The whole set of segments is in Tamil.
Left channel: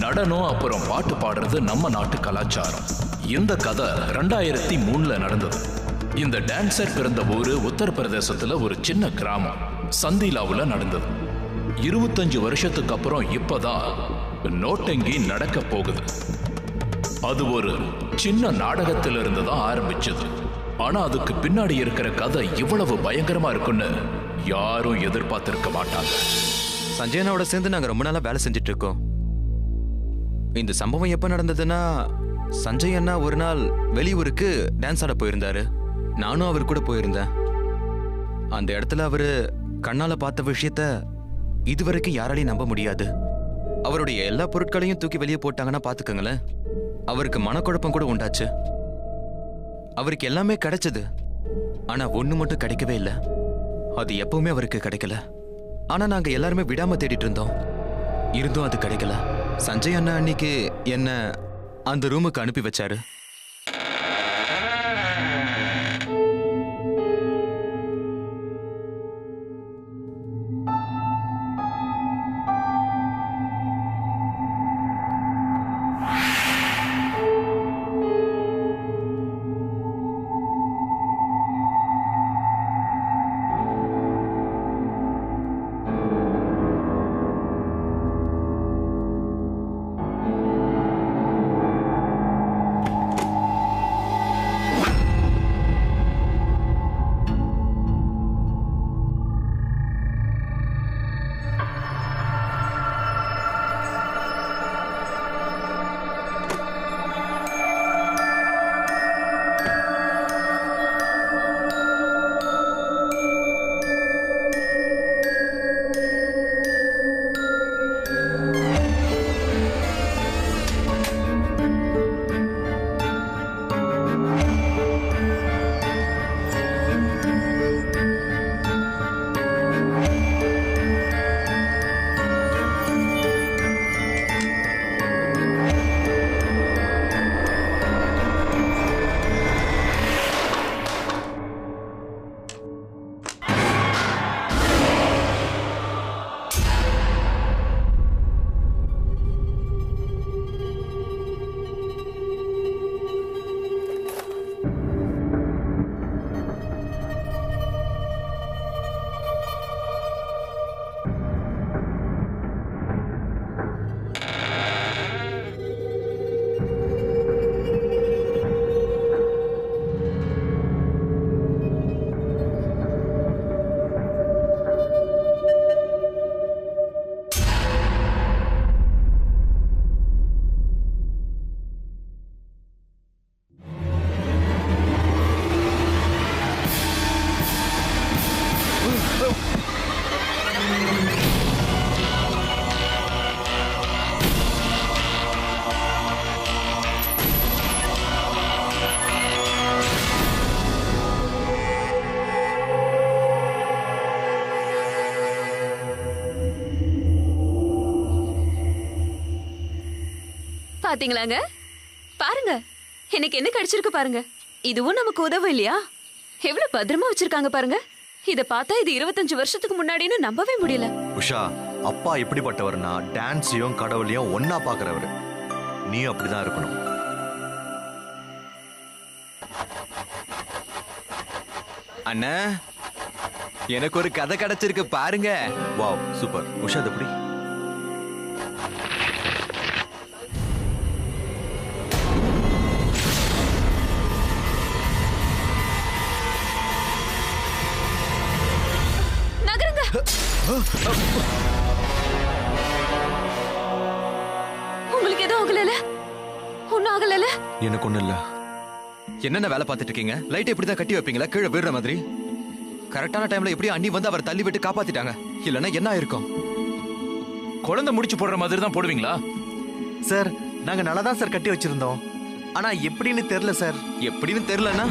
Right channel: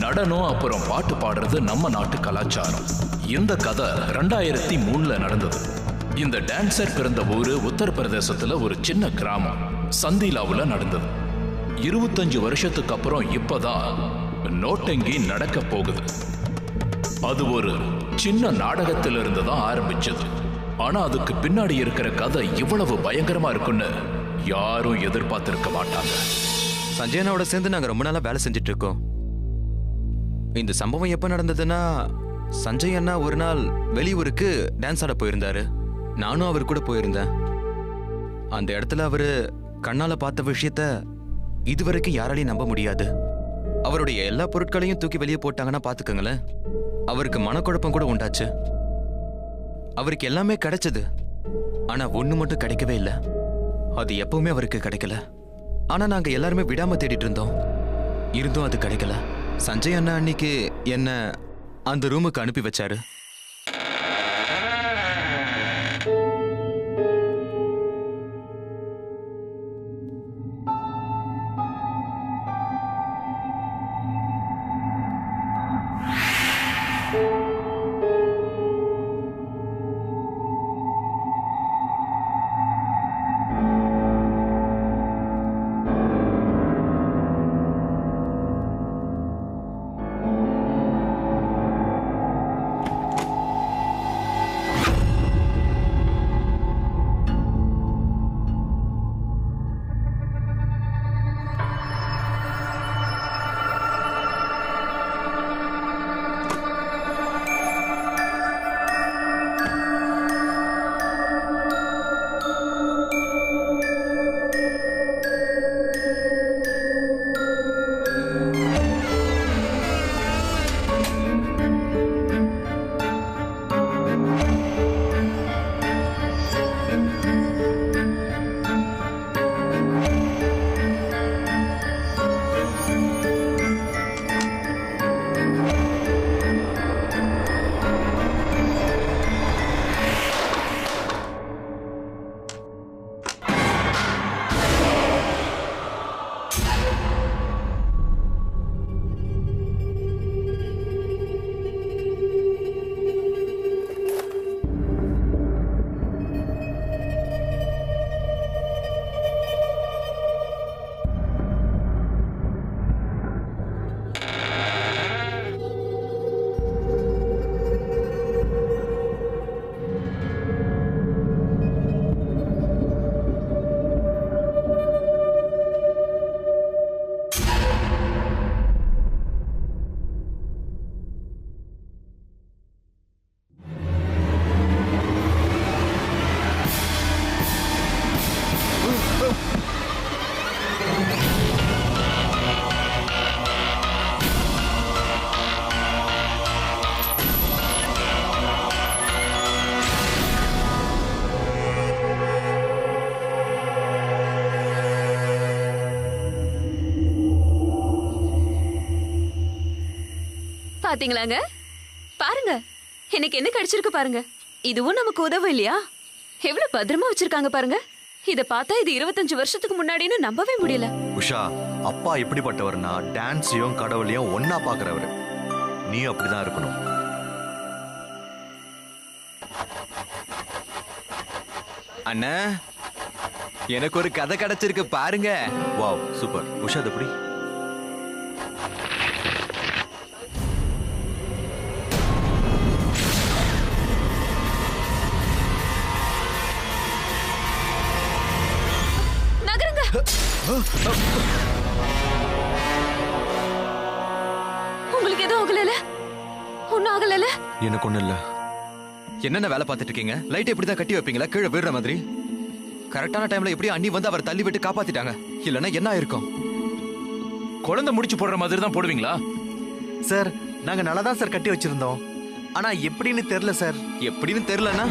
நடனம் அப்புறம் பாட்டு பாடுறது நம்ம நாட்டு கலாச்சாரம். இந்த கதை 2003 நடந்தது. இந்த டான்சர் பிறந்த ஊரு உத்தரப்பிரதேசத்துல ஒரு சின்ன கிராமம் சந்திலாவுல நடந்தது. 25 வருஷத்துக்கு அப்புறம் இப்பதான் நோட்டங்கி நடக்க போகுது. அது ஒரு சின்ன நாடகத்திலிருந்து தான் ஆரம்பிச்சது. ஆனா அதுக்கு பின்னாடி இருக்கிற கதை இவ்வளவு பயங்கரமா இருக்குன்னு யாரும் எதிர்பார்த்திருக்க மாட்டாங்க. சஞ்சய் அண்ணாவோட சேர்ந்து நாங்க ரொம்ப நாளா வேலை செஞ்சுட்டு இருக்கோம். இந்த சம்பவம் எப்ப நடந்ததுன்னா, சஞ்சய் அண்ணா ஒரு நாள் வெளியூருக்கு டான்ஸ் ஆட போயிருந்தாரு. நானும் அவர் கூட போயிருந்தேன். அந்த இடத்துல அவரு கண்ணால பார்த்த விஷயத்த இதுவரைக்கும் யாராலையும் நம்ப முடியாது. அவருடைய எல்லா பொருட்களையும் தூக்கி வெளியே போட்டாங்கன்னா பாத்துக்கங்களேன். அவருக்கு மனக்குழப்பம் கூட உண்டாச்சு. அவருக்கு எல்லாமே கிடைச்சது, ஆனா ஒண்ணு மட்டும் கிடைக்கவே இல்லை. அது எப்பவுமே அவருக்கு கிடைக்கல. ஆனா நாங்க எல்லாருமே விடாம தேடிட்டு இருந்தோம். இருந்தும் அது கிடைக்கல. சஞ்சய் அண்ணா அன்னைக்கு என்ன அந்த ரூமுக்கு அனுப்பி வச்சாரு. பாத்தீங்களாங்க? பாருங்க, எனக்கு என்ன கிடைச்சிருக்கு பாருங்க. இதுவும் நமக்கு உதவும் இல்லையா? எவ்வளவு பத்திரமா வச்சிருக்காங்க பாருங்க. இத பார்த்தா இது 25 வருஷத்துக்கு முன்னாடின்னு நம்பவே முடியல. உஷா, அப்பா எப்படிப்பட்டவர்னா டான்ஸையும் கடவுளையும் ஒன்னா பாக்குறவர். நீ அப்படிதான் இருக்கணும். அண்ணா, எனக்கு ஒரு கதை கிடைச்சிருக்கு பாருங்க. Wow, super. உஷா, அது எப்படி? உங்களுக்கு எதுவும் ஆகல? ஒன்னும் ஆகல? எனக்கு ஒண்ணு இல்ல. என்னென்ன வேலை பார்த்துட்டு இருக்கீங்க? லைட் எப்படிதான் கட்டி வைப்பீங்களா கீழே விடுற மாதிரி? கரெக்டான டைம்ல எப்படி அண்ணி வந்து அவர் தள்ளி விட்டு காப்பாத்திட்டாங்க. இல்லன்னா என்ன ஆயிருக்கும்? குழந்தை முடிச்சு போடுற மாதிரி தான் போடுவீங்களா? சார், நாங்க நல்லா தான் சார் கட்டி வச்சிருந்தோம். ஆனா எப்படின்னு தெரியல சார். எப்படின்னு தெரியலன்னா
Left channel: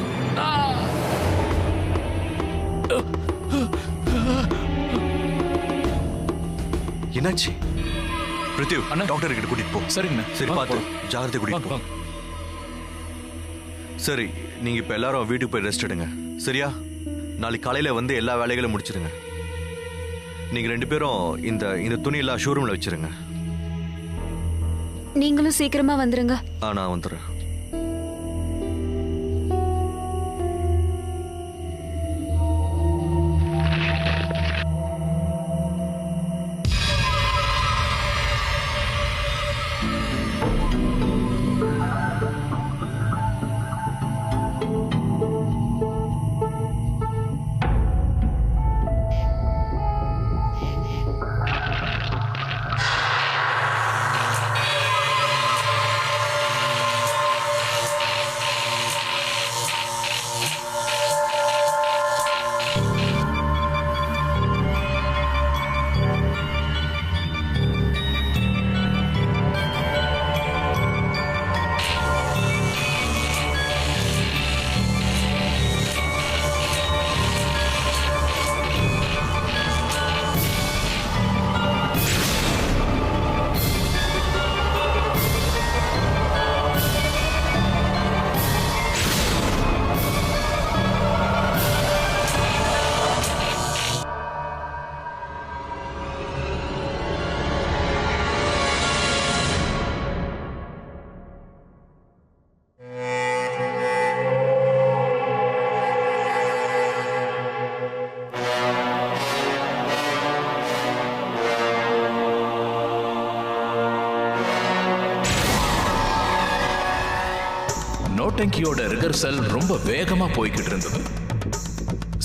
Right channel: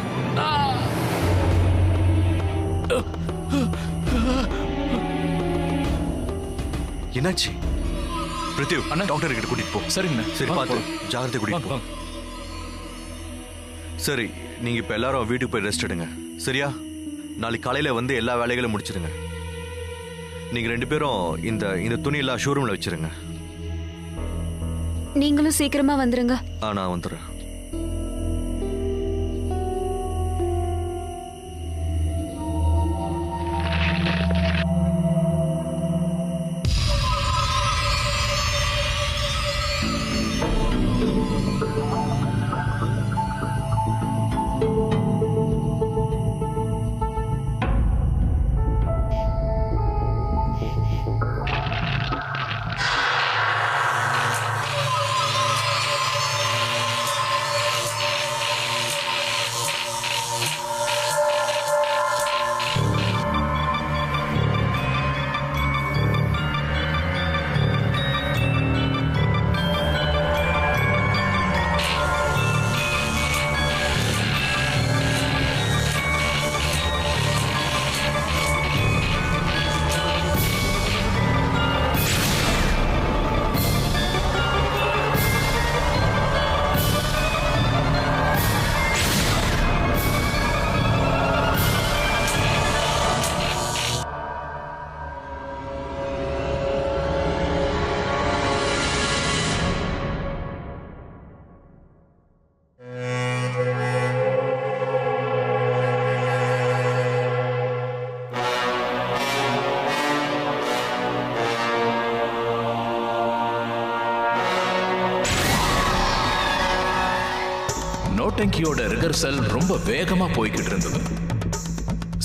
என்னாச்சு? பிரித்திவ், அண்ணா, டாக்டர் கிட்ட கூட்டிட்டு போ. சரிங்க. சரி, பார்த்து ஜாகிரதை கூட்டிட்டு போ. சரி, நீங்க இப்ப எல்லாரும் வீட்டுக்கு போய் ரெஸ்ட் எடுங்க. சரியா? நாளைக்கு காலையில வந்து எல்லா வேலைகளும் முடிச்சிருங்க. நீங்க 2 பேரும் இந்த துணி எல்லாம் ஷோரூம்ல வச்சிருங்க. நீங்களும் சீக்கிரமா வந்துருங்க. நான் வந்துடுறேன். நோட்டங்கியோட ரிகர்சல் ரொம்ப வேகமா போய்கிட்டு இருந்தது.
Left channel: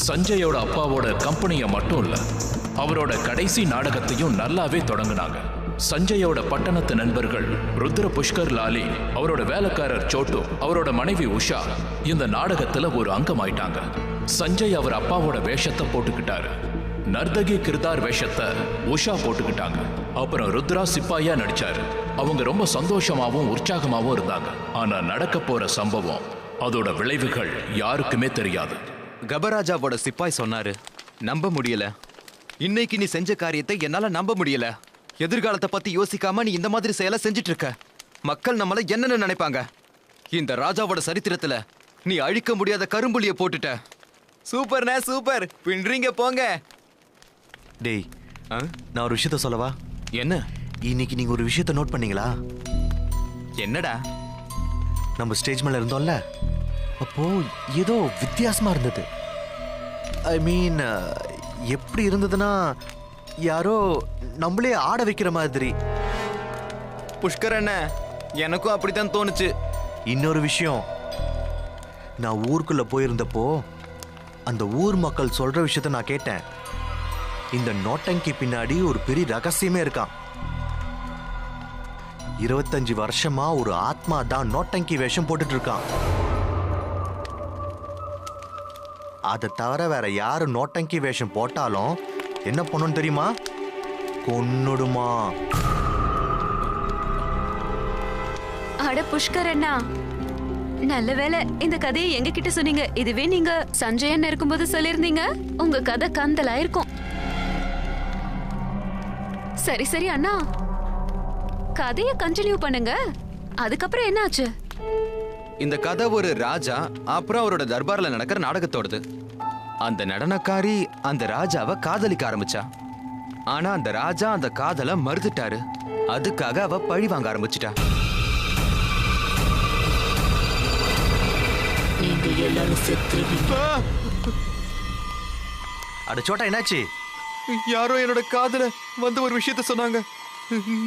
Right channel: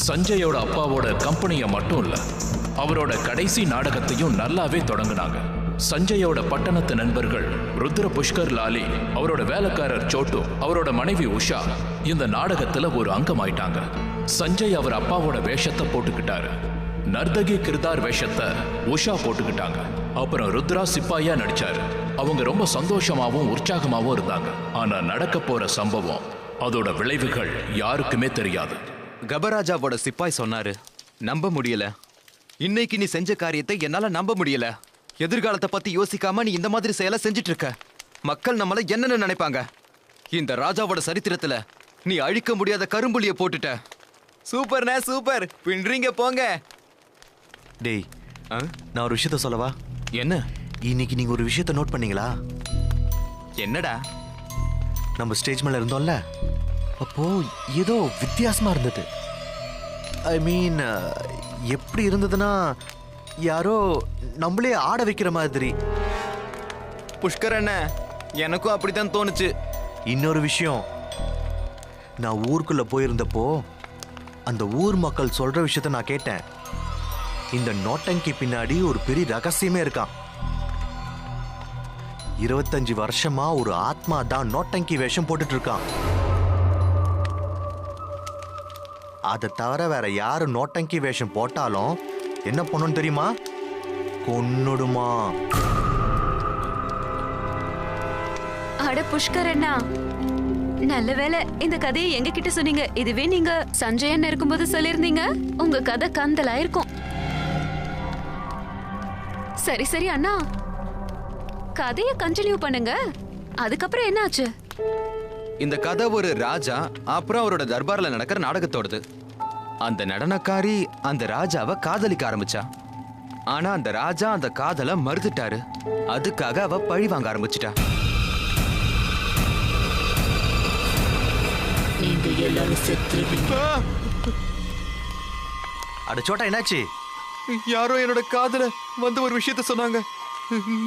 சஞ்சயோட அப்பாவோட கம்பெனியை மட்டும் இல்ல, அவரோட கடைசி நாடகத்தையும் நல்லாவே தொடங்கினாங்க. சஞ்சயோட பட்டணத்து நண்பர்கள் ருத்ர புஷ்கர் லாலி, அவரோட வேலைக்காரர் சோட்டு, அவரோட மனைவி உஷா இந்த நாடகத்துல ஒரு அங்கமாயிட்டாங்க. சஞ்சய் அவர் அப்பாவோட வேஷத்தை போட்டுக்கிட்டாரு. நர்தகி கிருதார் வேஷத்தை உஷா போட்டுக்கிட்டாங்க. அப்புறம் ருத்ரா சிப்பாயா நடிச்சாரு. அவங்க ரொம்ப சந்தோஷமாவும் உற்சாகமாவும் இருந்தாங்க. ஆனா நடக்க போற சம்பவம், அதோட விளைவுகள் யாருக்குமே தெரியாது. கபராஜாவோட சிப்பாய் சொன்னாரு, நம்ப முடியல. இன்னைக்கு நீ செஞ்ச காரியத்தை என்னால நம்ப முடியல. எதிர்காலத்தை பத்தி யோசிக்காம நீ இந்த மாதிரி செயலை செஞ்சிட்டு இருக்க. மக்கள் நம்மள என்னன்னு நினைப்பாங்க? இந்த ராஜாவோட சரித்திரத்துல நீ அழிக்க முடியாத கரும்புலிய போட்டுட்ட. சூப்பர்ண்ணே, சூப்பர். பின்றீங்க போங்க. டேய், நான் ஒரு விஷயத்த சொல்லவா? என்ன? இன்னைக்கு நீங்க ஒரு விஷயத்த நோட் பண்ணீங்களா? என்னடா? நம்ம ஸ்டேஜ் மேல இருந்தோம்ல, அப்போ ஏதோ வித்தியாசமா இருந்தது. ஐ மீன், எப்படி இருந்ததுன்னா யாரோ நம்மளே ஆட வைக்கிற மாதிரி. புஷ்கர் அண்ணா, எனக்கும் அப்படித்தான் தோணுச்சு. இன்னொரு விஷயம், நான் ஊருக்குள்ள போயிருந்தப்போ அந்த ஊர் மக்கள் சொல்ற விஷயத்த நான் கேட்டேன். இந்த நோட்டங்கி பின்னாடி ஒரு பெரிய ரகசியமே இருக்கான். 25 வருஷமா ஒரு ஆத்மா தான் நோட்டங்கி வேஷம் போட்டுட்டு இருக்கான். அதை தவிர வேற யாரு நோட்டங்கி வேஷம் போட்டாலும் என்ன பண்ணும் தெரியுமா? கொன்னுடுமா. அட புஷ்கர் அண்ணா, நல்ல வேளை இந்த கதையை எங்க கிட்ட சொன்னீங்க. இதுவே நீங்க சஞ்சயன் இருக்கும்போது சொல்லிருந்தீங்க, உங்க கதை கந்தலா இருக்கும். சரி சரி அண்ணா, கதையை கண்டினியூ பண்ணுங்க. அதுக்கப்புறம் என்னாச்சு? இந்த கதை ஒரு ராஜா அப்புறம் அவரோட தர்பார்ல நடக்கிற நாடகத்தோடது. அந்த நடனக்காரி அந்த ராஜாவை காதலிக்க ஆரம்பிச்சா. ஆனா அந்த ராஜா அந்த காதலை மறுத்துட்டாரு. அதுக்காக அவ பழி வாங்க ஆரம்பிச்சிட்டா. நீங்க எல்லாரும் செத்துருவீங்க. அட சோட்டா, என்னாச்சு? யாரோ என்னோட காதல வந்து ஒரு விஷயத்த சொன்னாங்க.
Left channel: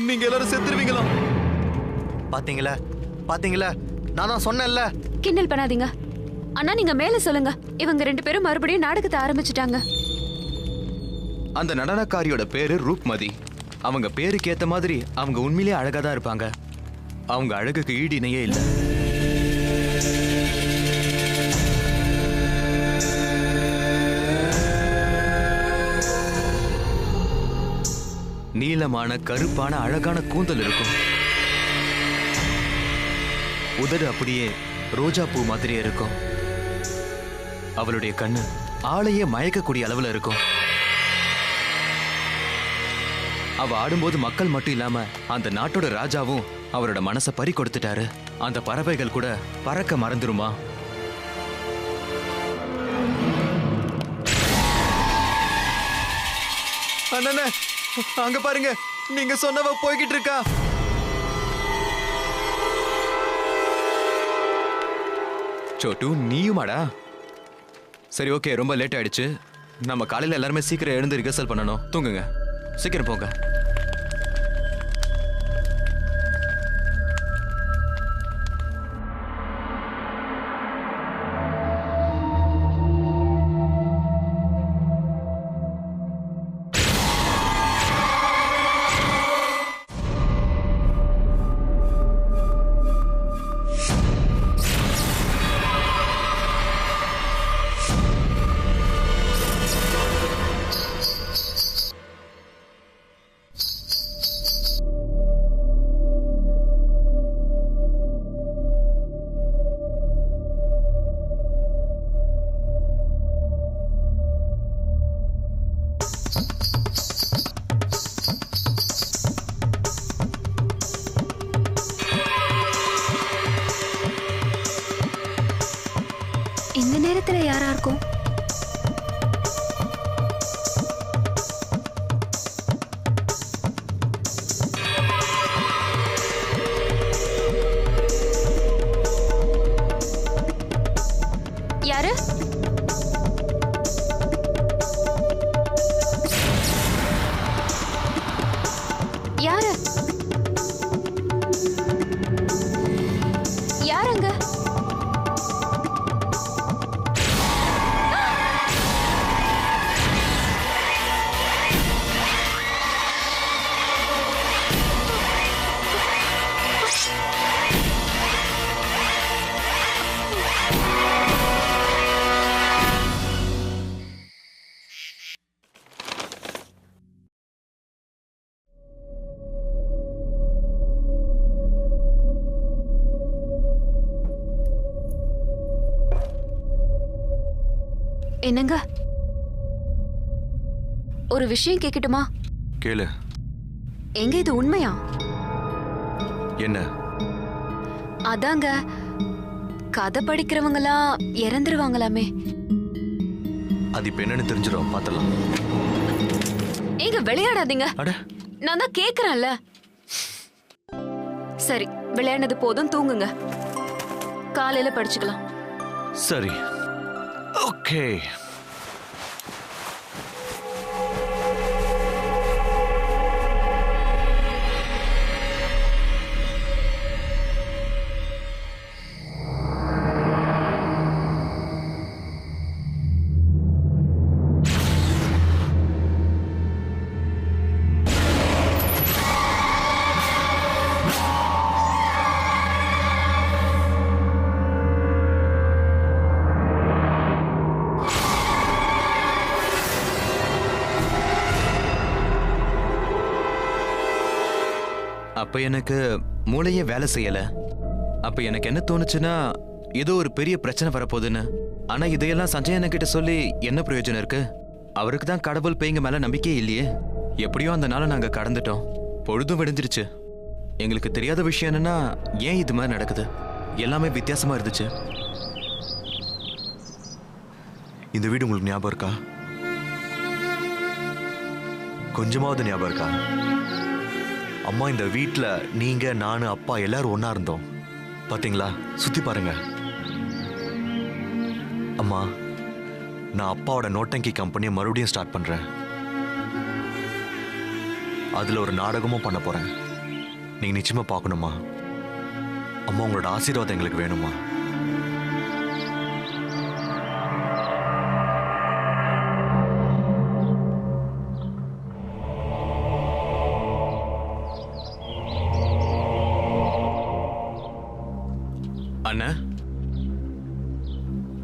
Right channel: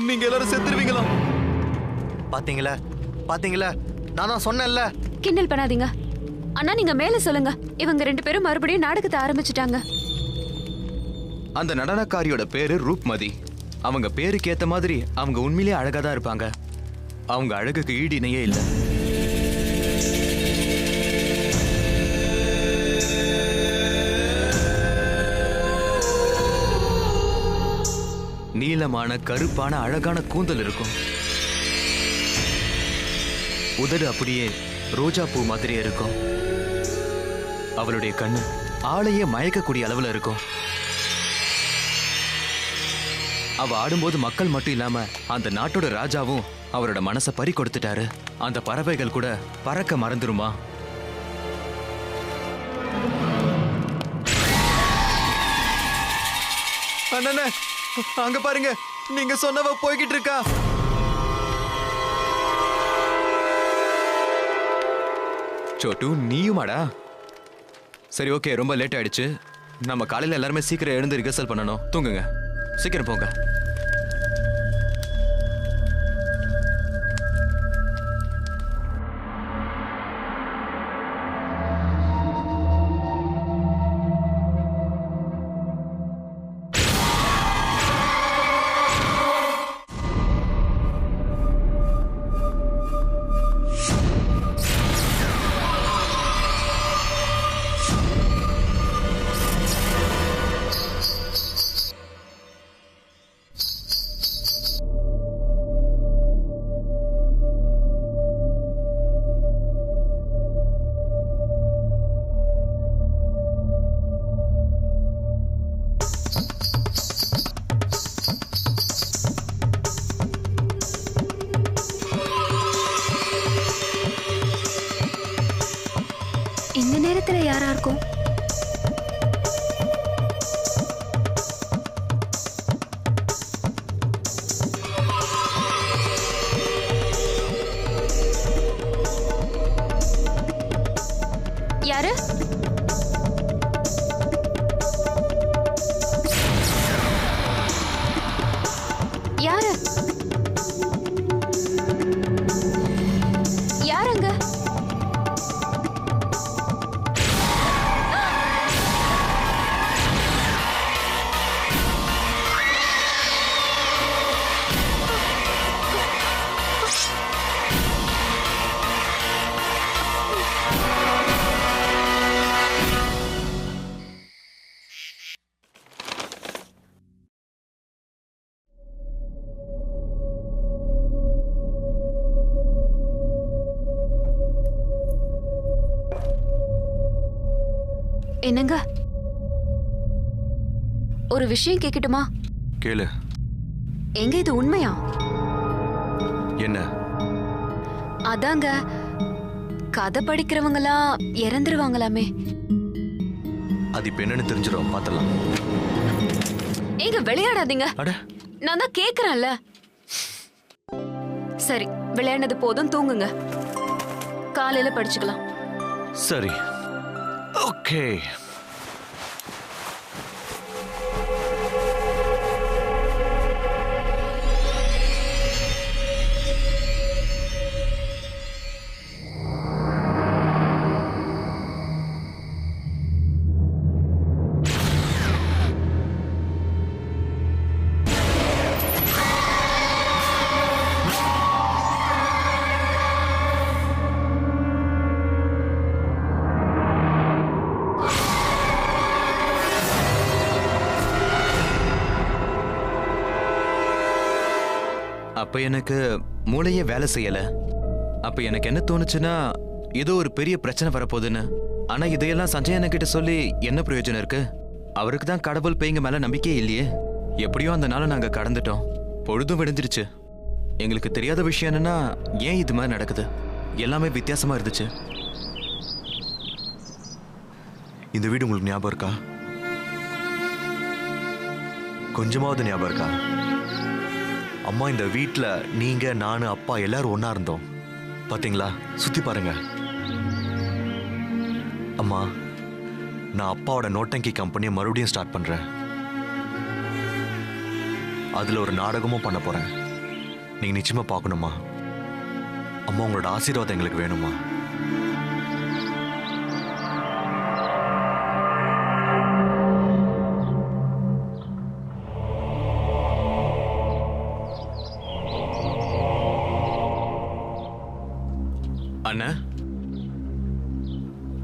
நீங்க எல்லாரும் செத்துருவீங்களா? பாத்தீங்களா பாத்தீங்களா, நான் தான் சொன்னேன்ல. கிண்டல் பண்ணாதீங்க அண்ணா, நீங்க மேல சொல்லுங்க. இவங்க 2 பேரும் மறுபடியும் நாடகத்தை ஆரம்பிச்சிட்டாங்க. அந்த நடனக்காரியோட பேரு ரூப்மதி. அவங்க பேருக்கு ஏத்த மாதிரி அவங்க உண்மையிலேயே அழகா தான் இருப்பாங்க. அவங்க அழகுக்கு ஈடு இணையே இல்லை. நீளமான கருப்பான அழகான கூந்தல் இருக்கும். உதடு அப்படியே ரோஜா பூ மாதிரியே இருக்கும். அவளுடைய கண்ணு ஆளையே மயக்கக்கூடிய அளவுல இருக்கும். அவ ஆடும்போது மக்கள் மட்டும் இல்லாம அந்த நாட்டோட ராஜாவும் அவரோட மனசை பறி கொடுத்துட்டாரு. அந்த பறவைகள் கூட பறக்க மறந்துருமா? அண்ணா, அங்க பாருங்க, நீங்க சொன்னவ போய்கிட்டு இருக்கா. சோட்டு நீயுமாடா? சரி ஓகே, ரொம்ப லேட் ஆயிடுச்சு. நம்ம காலையில் எல்லாருமே சீக்கிரம் எழுந்து ரிஹர்சல் பண்ணணும். தூங்குங்க, சீக்கிரம் போங்க. இந்த நேரத்துல யாரா இருக்கும்? யாரு? யாரு? யாருங்க? என்னங்க, ஒரு விஷயம் கேட்கட்டுமா? கேளு. எங்க இது உண்மையா? என்ன? அதாங்க, கதை படிக்கிறவங்களாம் இறந்துருவாங்களாமே. அது இப்ப என்னன்னு தெரிஞ்சிடும், பாத்தலாம். ஏங்க விளையாடாதீங்க, அட நான் தான் கேக்குறேன்ல. சரி, விளையாடுனது போதும், தூங்குங்க. காலையில படிச்சுக்கலாம். சரி, ஓகே. அப்ப எனக்கு மூளையே வேலை செய்யல. அப்ப எனக்கு என்ன தோணுச்சுன்னா, ஏதோ ஒரு பெரிய பிரச்சனை வரப்போகுதுன்னு. ஆனா இதையெல்லாம் சஞ்சய் அண்ணன் சொல்லி என்ன பிரயோஜனம் இருக்கு? அவருக்கு தான் கடவுள் பேய்ங்க மேல நம்பிக்கையே இல்லையே. எப்படியோ அந்த நாளை நாங்க கடந்துட்டோம். பொழுதும் விடிஞ்சிருச்சு. எங்களுக்கு தெரியாத விஷயம் என்னன்னா, ஏன் இது மாதிரி நடக்குது? எல்லாமே வித்தியாசமா இருந்துச்சு. இந்த வீடு உங்களுக்கு ஞாபகம் இருக்கா? கொஞ்சமாவது ஞாபகம் இருக்கா? அம்மா, இந்த வீட்ல நீங்க, நானு, அப்பா எல்லாரும் ஒண்ணா இருந்தோம். பாத்தீங்களா? சுத்தி பாருங்க. அம்மா, நான் அப்பாவோட நோட்டங்கி கம்பெனியை மறுபடியும் ஸ்டார்ட் பண்றேன். அதுல ஒரு நாடகமும் பண்ண போறேன். நீங்க நிச்சயமா பார்க்கணுமா? அம்மா, உங்களோட ஆசீர்வாதம் எங்களுக்கு வேணுமா? அண்ணா,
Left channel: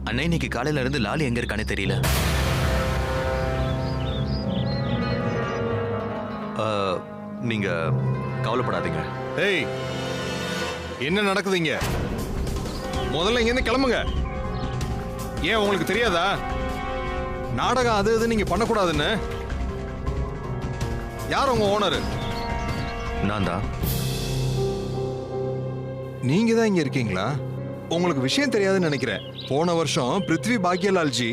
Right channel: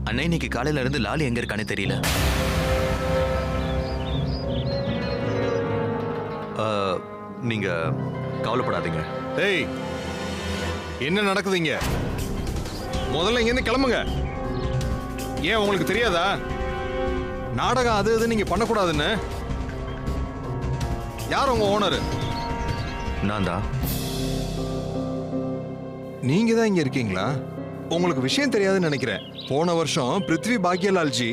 அண்ணா இன்னைக்கு காலையில இருந்து லாலி எங்க இருக்கானே தெரியல. நீங்க கவலைப்படாதீங்க. ஏய், என்ன நடக்குதுங்க? முதல்ல இங்க இருந்து கிளம்புங்க. ஏன் உங்களுக்கு தெரியாதா நாடகம் அது இது நீங்க பண்ணக்கூடாதுன்னு? யார் உங்க ஓனர்? நான் தான். நீங்க தான் இங்க இருக்கீங்களா? உங்களுக்கு விஷயம் தெரியாதுன்னு நினைக்கிறேன். போன வருஷம் பிருத்வி பாக்யலால்ஜி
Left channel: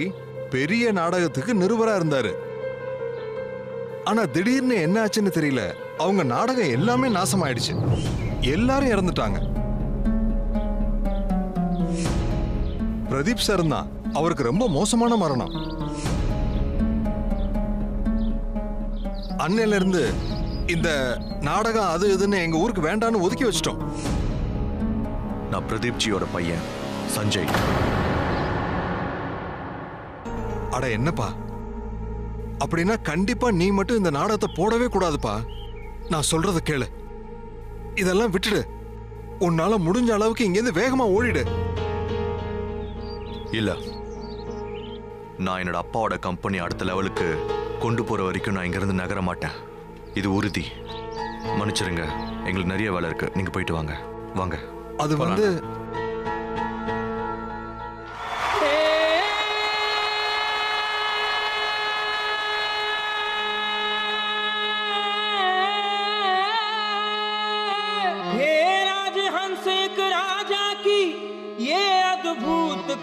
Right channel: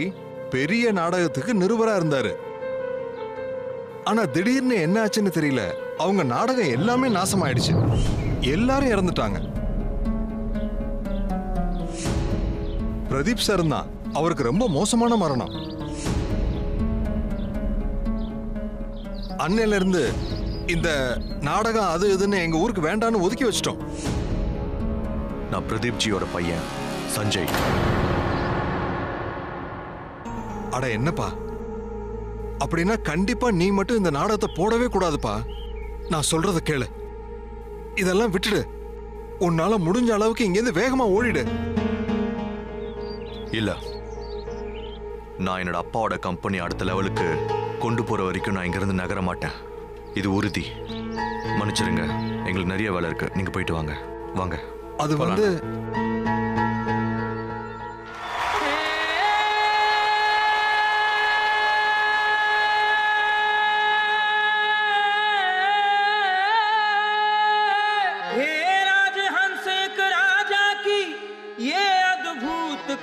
பெரிய நாடகத்துக்கு நிருபரா இருந்தாரு. ஆனா திடீர்னு என்ன ஆச்சுன்னு தெரியல, அவங்க நாடகம் எல்லாமே நாசமாயிடுச்சு. எல்லாரும் இறந்துட்டாங்க. பிரதீப் சார் தான். அவருக்கு ரொம்ப மோசமான மரணம். அன்னையில இருந்து இந்த நாடகம் அது இதுன்னு எங்க ஊருக்கு வேண்டான்னு ஒதுக்கி வச்சிட்டோம். நான் பிரதீப் ஜியோட பையன் சஞ்சய். அட என்னப்பா, அப்படின்னா கண்டிப்பா நீ மட்டும் இந்த நாடகத்தை போடவே கூடாதுப்பா. நான் சொல்றத கேளு. இதெல்லாம் விட்டுடு. உன்னால முடிஞ்ச அளவுக்கு இங்கேருந்து வேகமா ஓடிடு. இல்ல, நான் என்னோட அப்பாவோட கம்பெனி அடுத்த லெவலுக்கு கொண்டு போற வரைக்கும் நான் இங்கிருந்து நகர மாட்டேன். இது உறுதி. மன்னிச்சிருங்க, எங்களுக்கு நிறைய வேலை இருக்கு. நீங்க போயிட்டு வாங்க. வாங்க. அது வந்து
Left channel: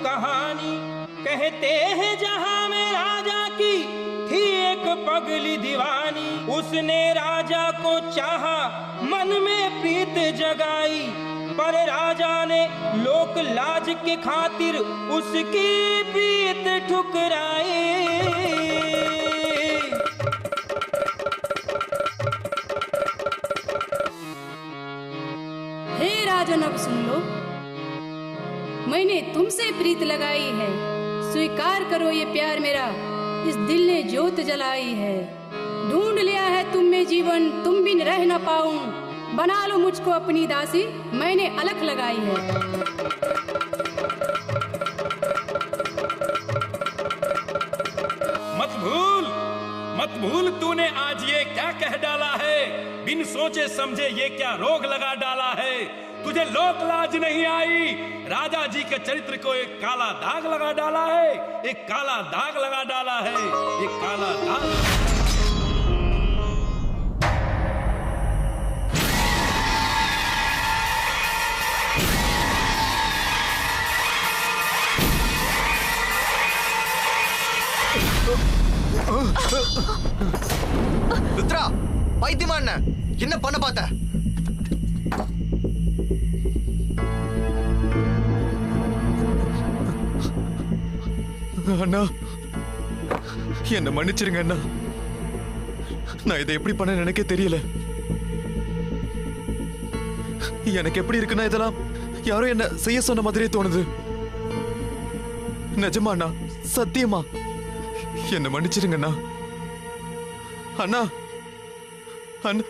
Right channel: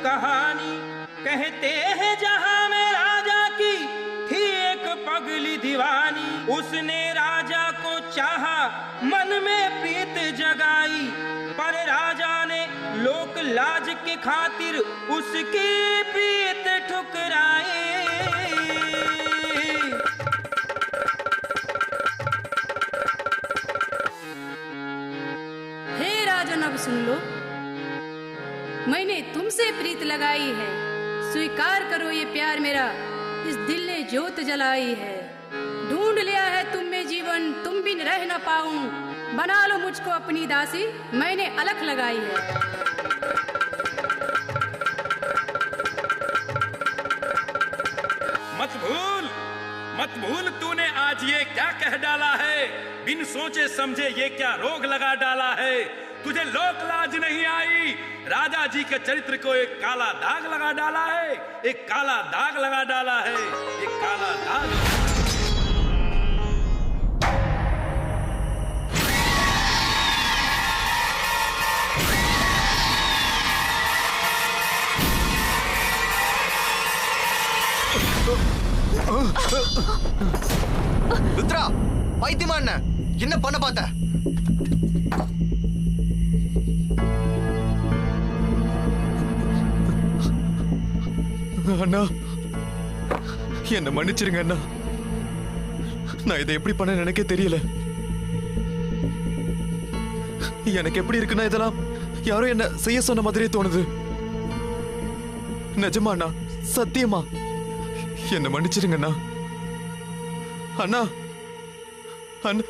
कहानी कहते हैं जहां में राजा की थी एक पगली दीवानी। उसने राजा को चाहा, मन में प्रीत जगाई, पर राजा ने लोक लाज के खातिर उसकी प्रीत ठुकराई। हे राजन, अब सुन लो, मैंने तुमसे प्रीत लगाई है, स्वीकार करो ये प्यार मेरा, इस दिल ने ज्योत जलाई है। ढूंढ लिया है तुम में जीवन, तुम बिन रह न पाऊं, बना लो मुझको अपनी दासी, मैंने अलख लगाई है। मत भूल तूने आज ये क्या कह डाला है, बिन सोचे समझे ये क्या रोग लगा डाला है। तुझे लोक लाज नहीं आई, राजा जी के चरित्र को एक काला दाग लगा डाला है, एक काला दाग लगा डाला है, एक काला दाग। ருத்ரா, பைத்தியமா என்ன பண்ண பார்த்த? அண்ணா, என்ன மன்னிச்சிருங்க அண்ணா. நான் இதை எப்படி பண்ண எனக்கே தெரியல. எனக்கு எப்படி இருக்குன்னா இதெல்லாம் யாரோ என்ன செய்ய சொன்ன மாதிரியே தோணுது. நிஜமா அண்ணா, சத்தியமா என்ன மன்னிச்சிருங்க அண்ணா. அண்ணா அண்ணா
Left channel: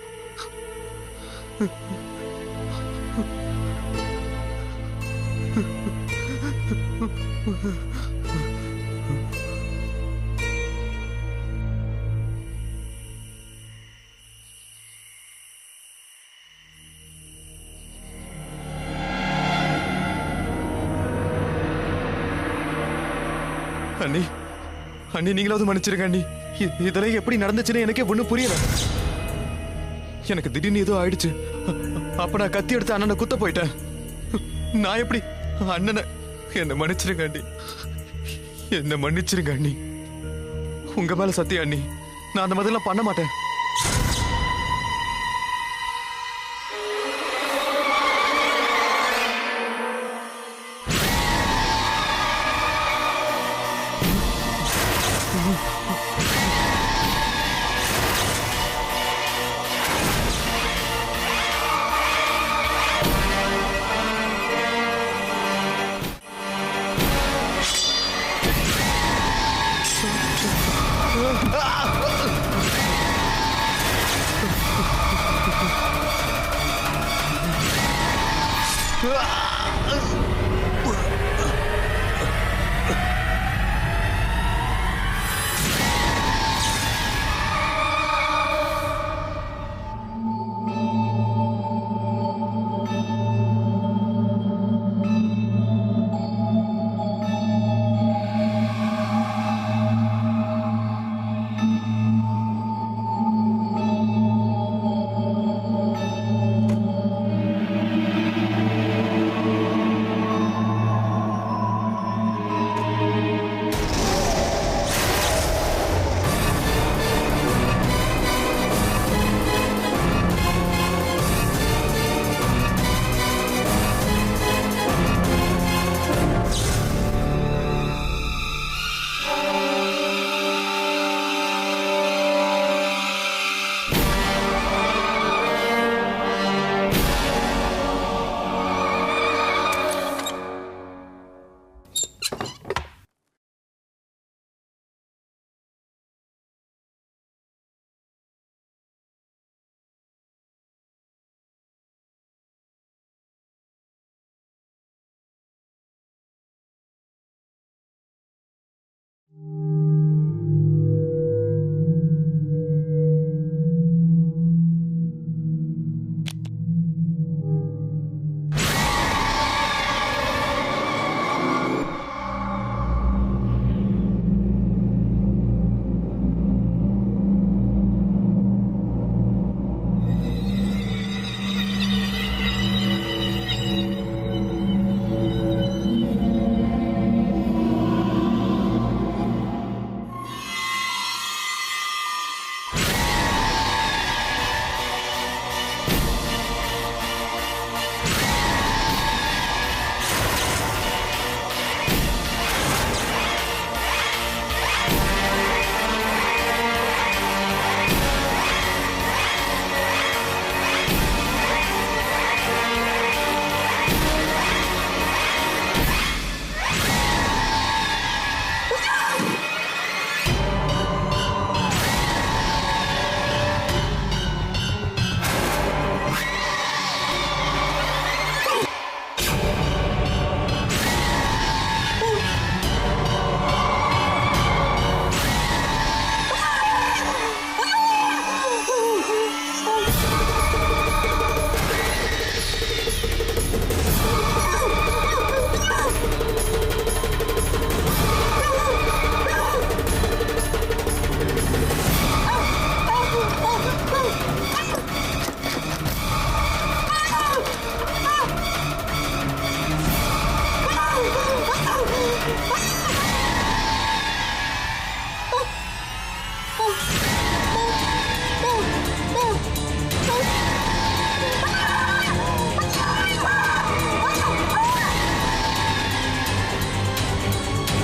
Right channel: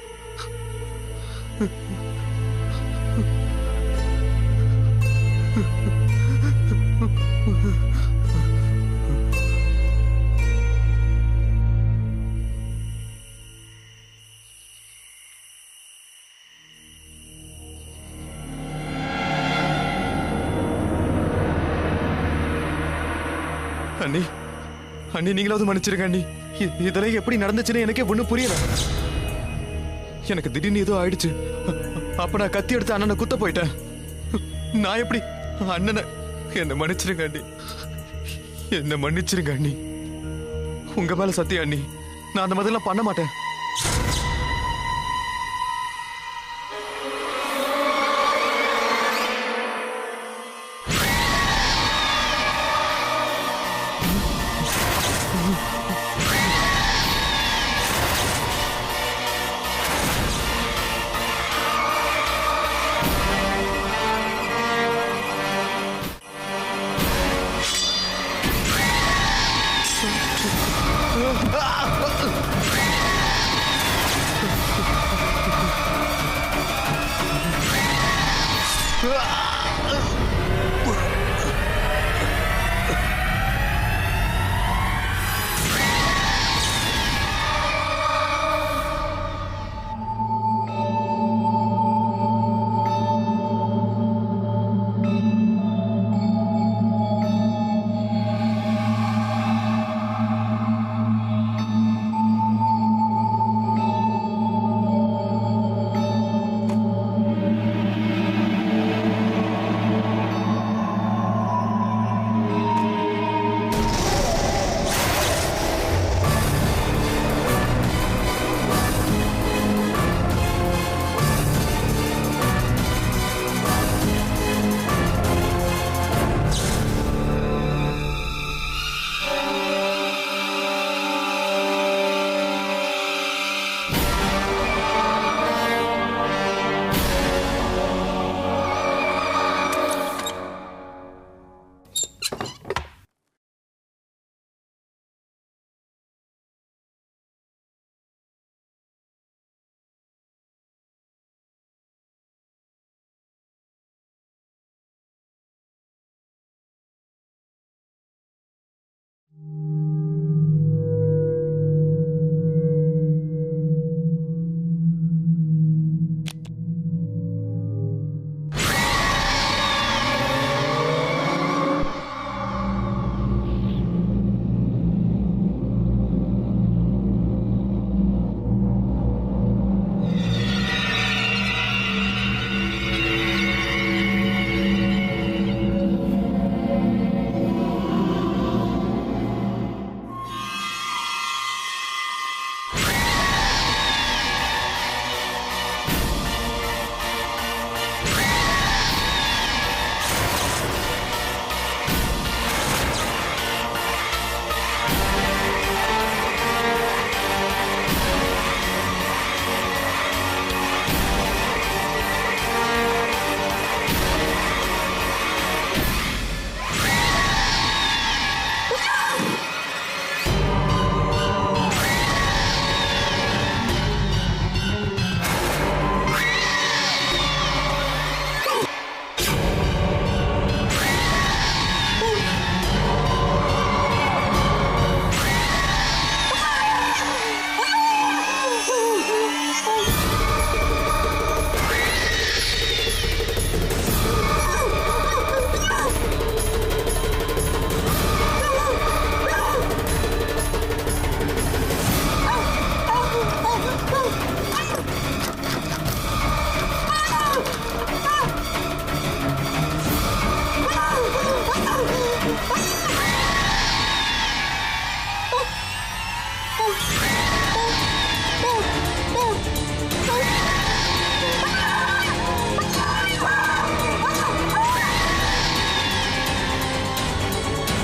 அண்ணி, அண்ணி நீங்களாவது மன்னிச்சிருங்க அண்ணி. இதெல்லாம் எப்படி நடந்துச்சுன்னு எனக்கே ஒண்ணும் புரியல. எனக்கு திடீர்னு ஏதோ ஆயிடுச்சு. அப்ப நான் கத்தி எடுத்து அண்ணனை குத்த போயிட்டேன். நான் எப்படி அண்ணனை? என்ன மன்னிச்சிருங்க அண்ணி, என்ன மன்னிச்சிருங்க அண்ணி. உங்க மேல சத்தியம் அண்ணி, நான் அந்த மாதிரிலாம் பண்ண மாட்டேன்.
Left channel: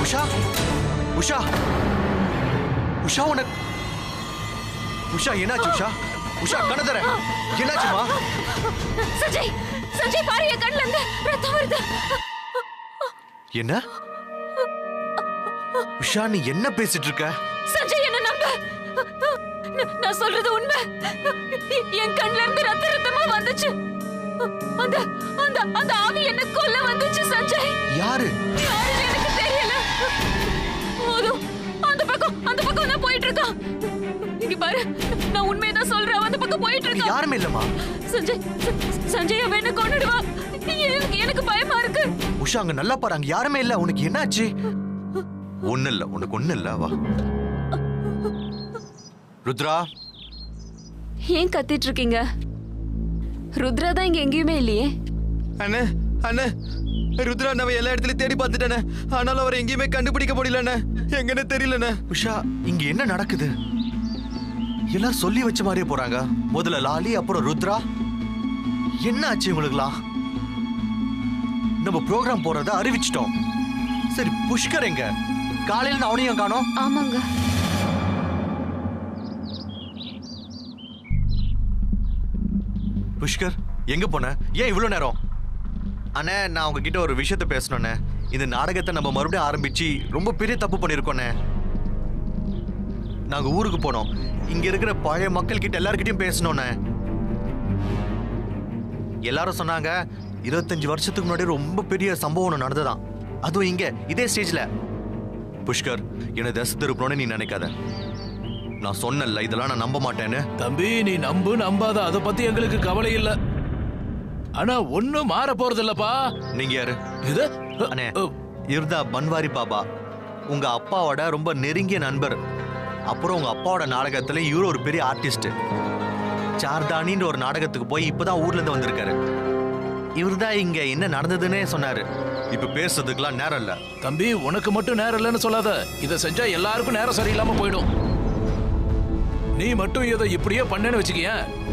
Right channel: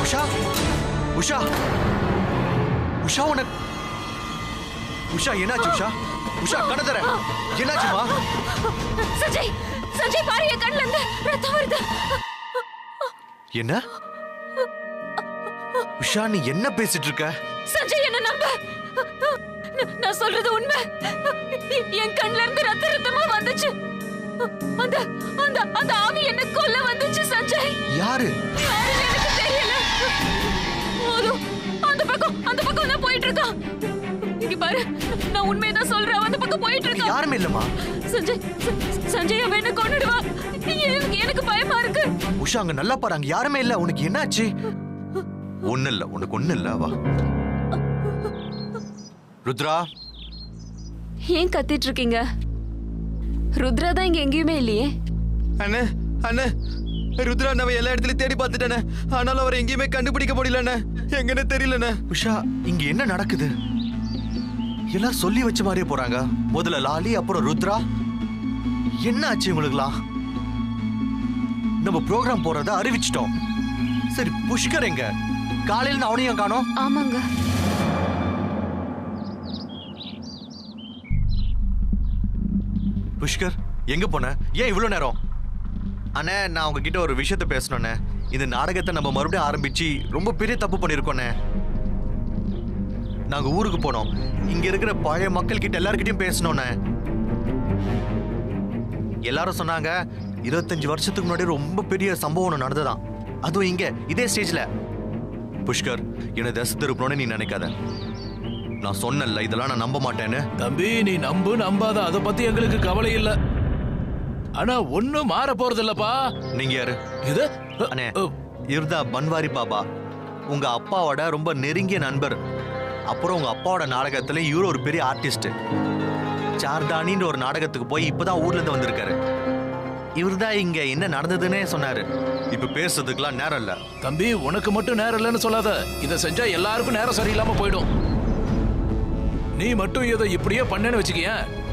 உஷா உஷா உஷா உனக்கு உஷா என்னாச்சு உஷா உஷா கணதர என்னாச்சுமா சஞ்சய் சஞ்சய் பாரு என் கண்ணுல இருந்து ரத்தம் வருது என்ன உஷா நீ என்ன பேசிட்டு இருக்க சஞ்சய் என்ன நம்ப நான் சொல்றது உண்மை என் கண்ணுல இருந்து ரத்தமா வந்துச்சு அந்த அந்த அந்த ஆவி என்ன கொல்ல வந்துச்சு சஞ்சய் யாரு யாருன்னு எனக்கு தெரியல அந்த பக்கம் நான் போயிட்டு இருக்கான் இங்க பாரு நான் உண்மையதான் சொல்றேன் அந்த பக்கம் போயிட்டு இருக்கான் யாருமே இல்லம்மா சஞ்சய் அவன் என்ன கொன்னுடுவா எனக்கு பயமா இருக்கு உஷா அங்க நல்லா பாரு அங்க யாருமே இல்ல உனக்கு என்னாச்சு ஒண்ணு இல்ல உனக்கு ஒண்ணு இல்ல வா ருத்ரா ஏன் கத்திட்டு இருக்கீங்க ருத்ரா தான் இங்க எங்கேயுமே இல்லையே அண்ணே அண்ணே ருத்ரா நம்ம எல்லா இடத்துலயும் தேடி பார்த்துட்டேனே ஆனாலும் அவரை எங்கேயுமே கண்டுபிடிக்க முடியலண்ணே எங்கன்னு தெரியலண்ணே உஷா இங்க என்ன நடக்குது எல்லாம் சொல்லி வச்ச மாதிரியே போறாங்க முதல்ல லாலி அப்புறம் ருத்ரா என்ன ஆச்சு உங்களுக்குலாம் நம்ம ப்ரோக்ராம் போறத அறிவிச்சிட்டோம் சரி புஷ்கர் எங்க காலையில அவனையும் காணோம் ஆமாங்க புஷ்கர் எங்க போன ஏன் இவ்வளவு நேரம் அண்ணே நான் உங்ககிட்ட ஒரு விஷயத்த பேசணும்ண்ணே இந்த நாடகத்தை நம்ம மறுபடியும் ஆரம்பிச்சு ரொம்ப பெரிய தப்பு பண்ணிருக்கோண்ணே நாங்க ஊருக்கு போனோம் இங்க இருக்கிற பழைய மக்கள் கிட்ட எல்லார்கிட்டயும் பேசணும்ண்ணே எல்லாரும் சொன்னாங்க 25 வருஷத்துக்கு முன்னாடி ரொம்ப பெரிய சம்பவம் நடந்ததான் அதுவும் இங்க இதே ஸ்டேஜ்ல புஷ்கர் என்ன தசை திருப்பணும்னு நீ நினைக்காத நான் சொன்னல இதெல்லாம் நான் நம்ப மாட்டேன்னு தம்பி நீ நம்பு நம்பாத அதை பத்தி எங்களுக்கு கவலை இல்ல ஆனா ஒண்ணும் மாற போறது இல்லப்பா நீங்க யாரு இது அண்ணே இவர்தா பன்வாரி பாபா உங்க அப்பாவோட ரொம்ப நெருங்கிய நண்பர் அப்புறம் உங்க அப்பாவோட நாடகத்துல இவரு ஒரு பெரிய ஆர்டிஸ்ட் சார்தானின்ற ஒரு நாடகத்துக்கு போய் இப்பதான் ஊர்ல இருந்து வந்திருக்காரு இவர்தான் இங்க என்ன நடந்ததுன்னே சொன்னாரு இப்ப பேசுறதுக்குலாம் நேரம் இல்ல தம்பி உனக்கு மட்டும் நேரம் இல்லைன்னு சொல்லாத இதை செஞ்சா எல்லாருக்கும் நேரம் சரியில்லாம போயிடும் நீ மட்டும் இதை இப்படியே பண்ணேன்னு வச்சுக்கிய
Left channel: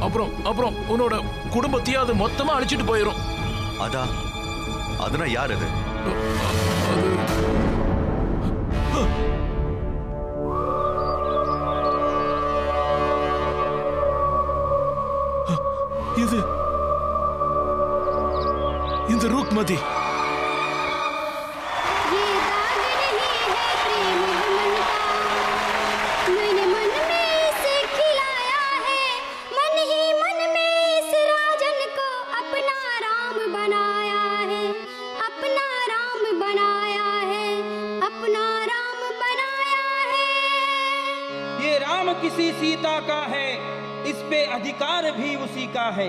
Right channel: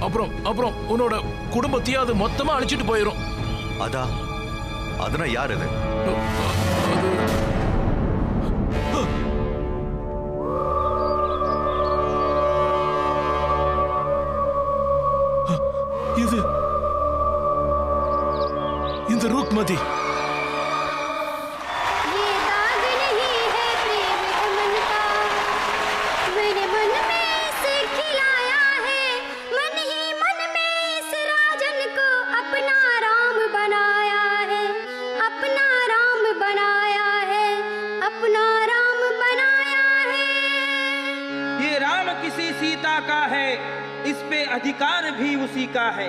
அப்புறம் உன்னோட குடும்பத்தையும் அது மொத்தமா அழிச்சிட்டு போயிடும் அதுனா யார் அது இது இந்த ரூக்மதி किसी सीता का है इस पे अधिकार भी उसी का है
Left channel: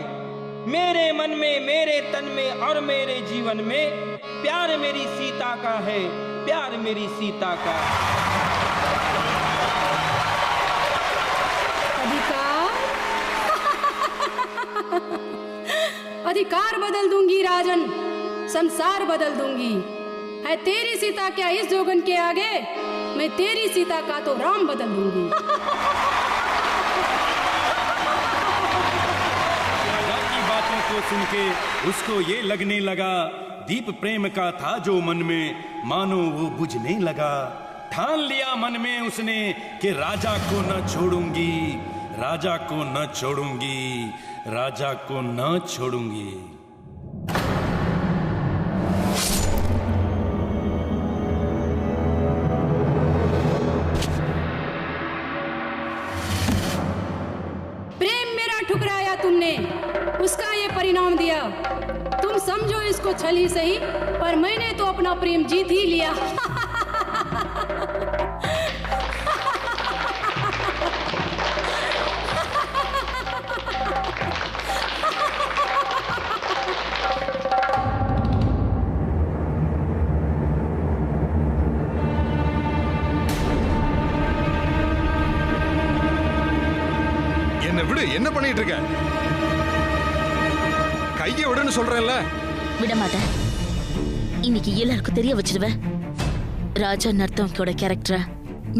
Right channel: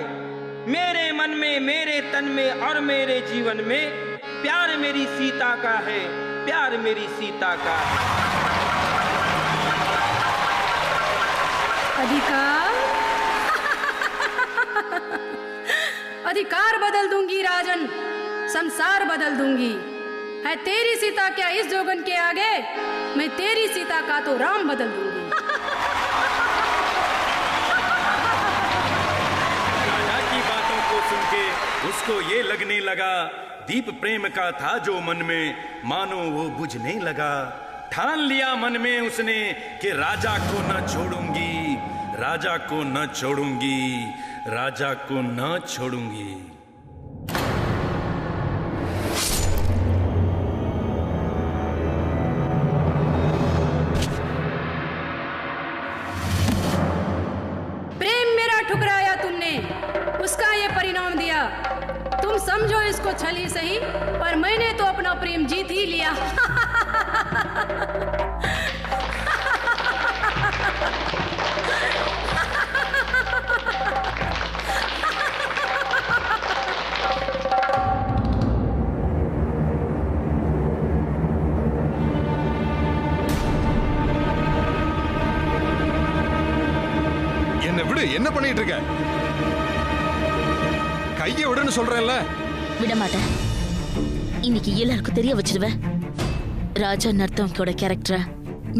मेरे मन में मेरे तन में और मेरे जीवन में प्यार मेरी सीता का है प्यार मेरी सीता का अधिकार अधिकार बदल दूंगी राजन संसार बदल दूंगी है तेरी सीता क्या इस जोगन के आगे मैं तेरी सीता का तो राम बदल दूंगी राजा की बातों को सुन के उसको ये लगने लगा दीप प्रेम का था जो मन में मानो वो बुझने लगा ठान लिया मन में उसने कि राजा को न छोड़ूंगी राजा को न छोड़ूंगी राजा को न छोड़ूंगी ठुकराया तुमने उसका ये परिणाम दिया तुम समझो इसको छल ही सही पर मैंने तो अपना प्रेम जीत ही लिया என்ன விடு என்ன பண்ணிட்டு இருக்க கையை விடுன்னு சொல்றேன்ல விட மாட்டேன் இன்னைக்கு எல்லாருக்கும் தெரிய வச்சிடுவேன் ராஜா நர்த்தம்கோட கேரக்டரை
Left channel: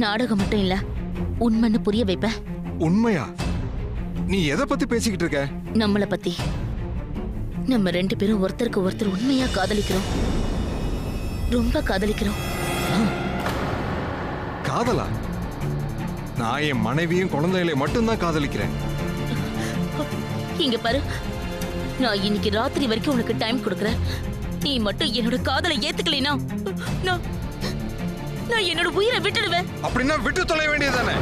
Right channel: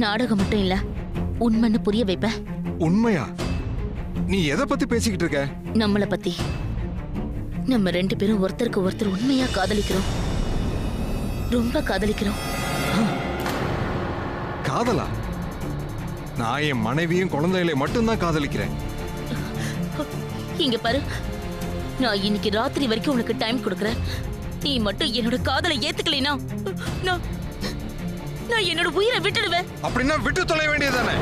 நாடகம் மட்டும் இல்ல உண்மைன்னு புரிய வைப்ப. உண்மையா? நீ எதை பத்தி பேசிக்கிட்டு இருக்க? நம்மள பத்தி. நம்ம 2 பேரும் ஒருத்தருக்கு ஒருத்தர் உண்மையா காதலிக்கிறோம். ரொம்ப காதலிக்கிறோம். காதலா? நான் என் மனைவியும் குழந்தைகளை மட்டும்தான் காதலிக்கிறேன். இங்க பாரு, நான் இன்னைக்கு ராத்திரி வரைக்கும் உனக்கு டைம் கொடுக்கறேன். நீ மட்டும் என்னோட காதலை ஏத்துக்கலைனா நான் என்னோட உயிரை விட்டுடுவேன். அப்படின்னா விட்டு தொலை வேண்டியதானே?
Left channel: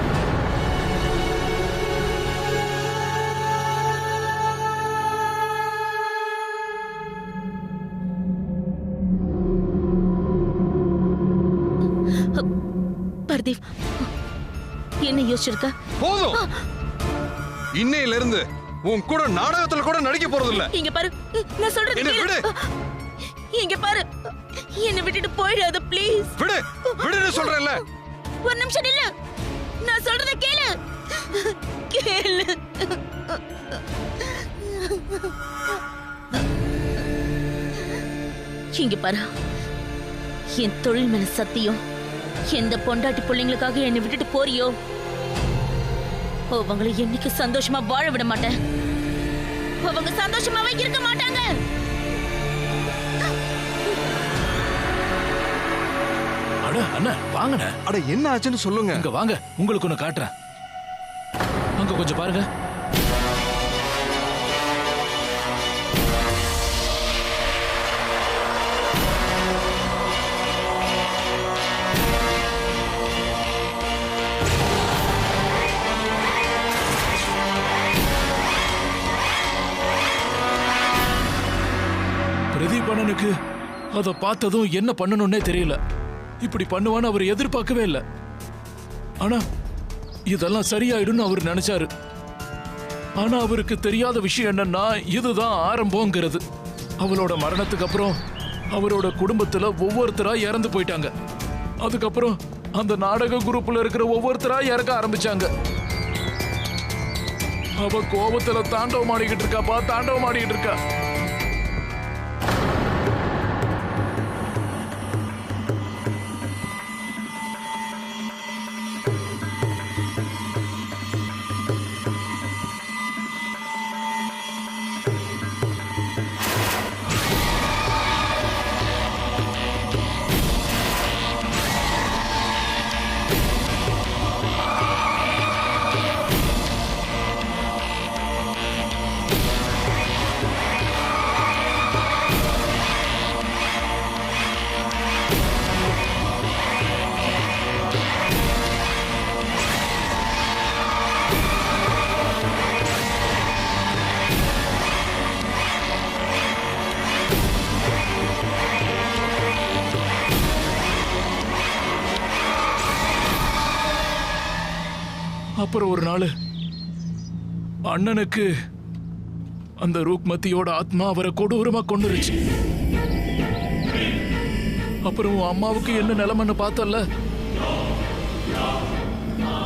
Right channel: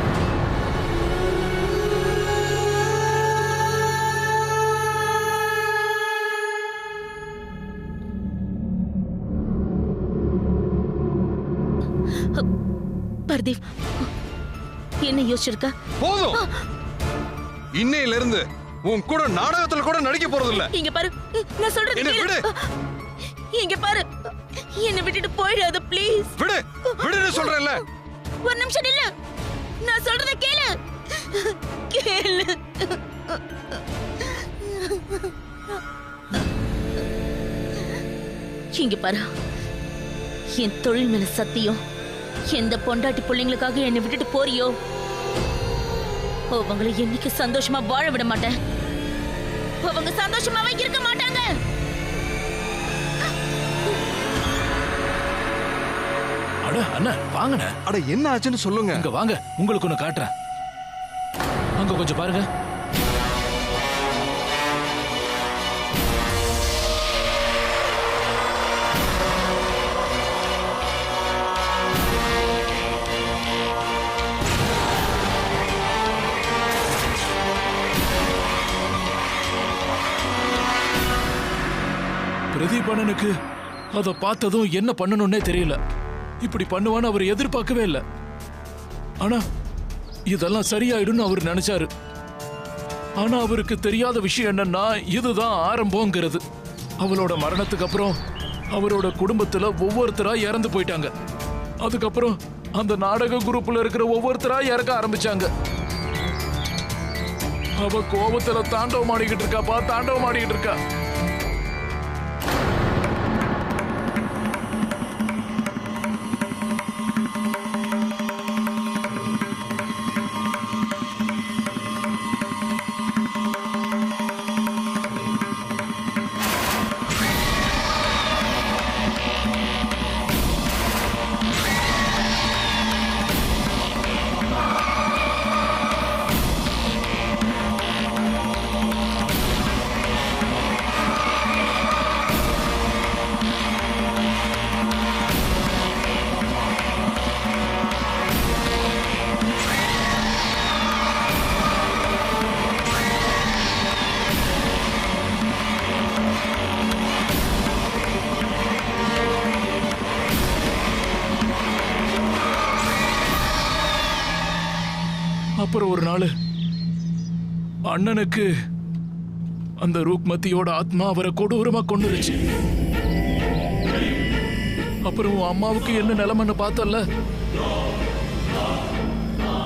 பர்தீப், என்ன யோசிச்சிருக்க? போதும். இன்னையில இருந்து உன் கூட நாடகத்துல கூட நடிக்க போறது இல்ல. இங்க பாரு, நான் சொல்றது விடு. இங்க பாரு, என்ன விட்டுட்டு போயிடாத ப்ளீஸ். விடு விடுன்னு சொல்றேன்ல. ஒரு நிமிஷம் இல்ல, நான் சொல்றத கேளு. கேளு. இங்க பாரு, என் தொழில் மேல சத்தியம். எந்த பொண்டாட்டி பிள்ளைங்களுக்காக என்னை விட்டுட்டு போறியோ அவங்களை என்னைக்கு சந்தோஷமா வாழ விட மாட்டேன். அவங்க சந்தோஷமாவே இருக்க மாட்டாங்க. அட அண்ணா வாங்கண்ணே. அட என்ன ஆச்சுன்னு சொல்லுங்க. இங்க வாங்க, உங்களுக்கு ஒண்ணு காட்டுறேன். அங்க கொஞ்சம் பாருங்க. பிரதீப் அண்ணனுக்கு அதை பார்த்ததும் என்ன பண்ணணும்னே தெரியல. இப்படி பண்ணுவான்னு அவர் எதிர்பார்க்கவே இல்லை. ஆனா இதெல்லாம் சரியாயிடும்னு அவர் நினைச்சாரு. ஆனா அவருக்கு தெரியாத விஷயம் என்னன்னா இதுதான் ஆரம்பங்கிறது. அவளோட மரணத்துக்கு அப்புறம் அவரோட குடும்பத்துல ஒவ்வொருத்தரா இறந்து போயிட்டாங்க. அதுக்கப்புறம் அந்த நாடக குரூப்ல இருக்கிற ஒவ்வொருத்தரா இறக்க ஆரம்பிச்சாங்க. அவ கோபத்துல தாண்டவம் ஆடிக்கிட்டு இருக்காப்பா, தாண்டவம் ஆடிக்கிட்டு இருக்கா. அப்புறம் ஒரு நாள் அண்ணனுக்கு அந்த ரூக்மதியோட ஆத்மா அவரை கொடூரமா கொண்டுருச்சு. அப்புறம் அம்மாவுக்கு என்ன நிலைமைன்னு பார்த்தல,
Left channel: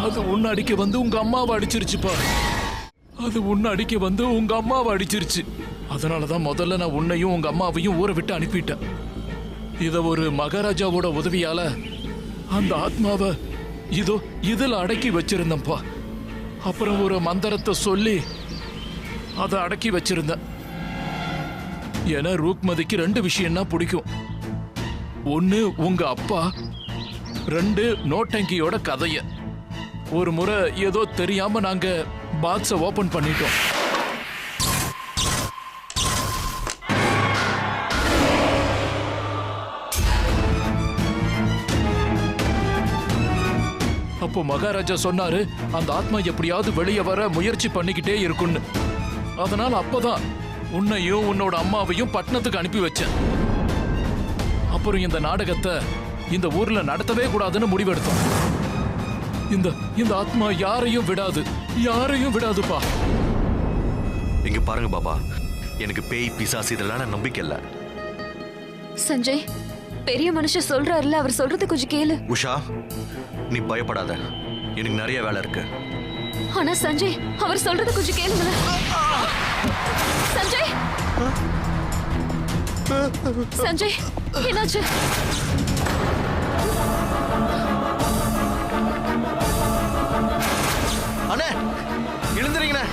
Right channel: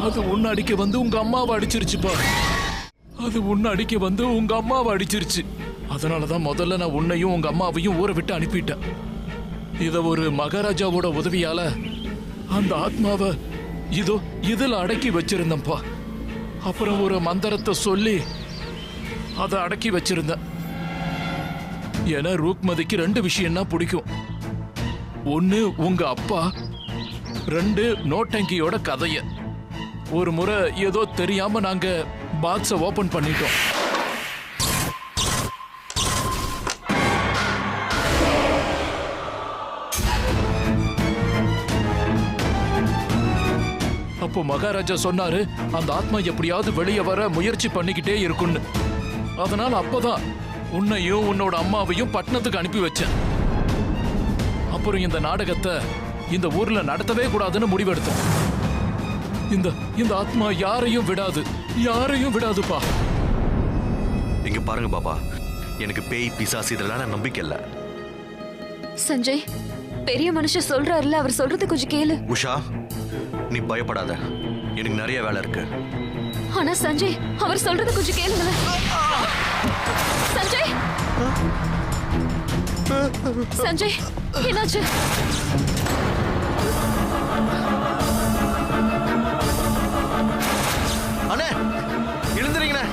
அது உன்னை அடிக்க வந்து உங்க அம்மாவை அடிச்சிருச்சுப்பா. அது உன்னை அடிக்க வந்து உங்க அம்மாவை அடிச்சிருச்சு. அதனாலதான் முதல்ல நான் உன்னையும் உங்க அம்மாவையும் ஊரை விட்டு அனுப்பிட்டேன். இத ஒரு மகாராஜாவோட உதவியால அந்த ஆத்மாவை இதோ இதுல அடக்கி வச்சிருந்தப்பா. அப்புறம் ஒரு மந்திரத்தை சொல்லி அதை அடக்கி வச்சிருந்தேன். ஏன்னா ரூக்மதிக்கு 2 விஷயம்னா பிடிக்கும். 1 உங்க அப்பா, 2 நோட்டங்கியோட கதைய. ஒரு முறை ஏதோ தெரியாம நாங்க பாக்ஸ ஓபன் பண்ணிட்டோம். அப்போ மகாராஜா சொன்னாரு அந்த ஆத்மா எப்படியாவது வெளியே வர முயற்சி பண்ணிக்கிட்டே இருக்குன்னு. அதனால அப்பதான் உன்னையும் உன்னோட அம்மாவையும் பட்டணத்துக்கு அனுப்பி வச்சேன். அப்புறம் இந்த நாடகத்தை இந்த ஊர்ல நடத்தவே கூடாதுன்னு முடிவெடுத்தோம். இந்த ஆத்மா யாரையும் விடாதுப்பா. இங்க பாருங்க பாபா, எனக்கு பேய் பிசாசு இதெல்லாம் நம்பிக்கை இல்ல. சஞ்சய், பெரிய மனுஷன் சொல்றாருல, அவர் சொல்றது கொஞ்சம் கேளு. உஷா, நீ பயப்படாத, எனக்கு நிறைய வேலை இருக்கு. ஆனா சஞ்சய், அவர் சொல்றது கொஞ்சம் கேளுங்களேன். சஞ்சய், சஞ்சய், என்னாச்சு? அண்ணே எழுந்துறீங்கண்ணே.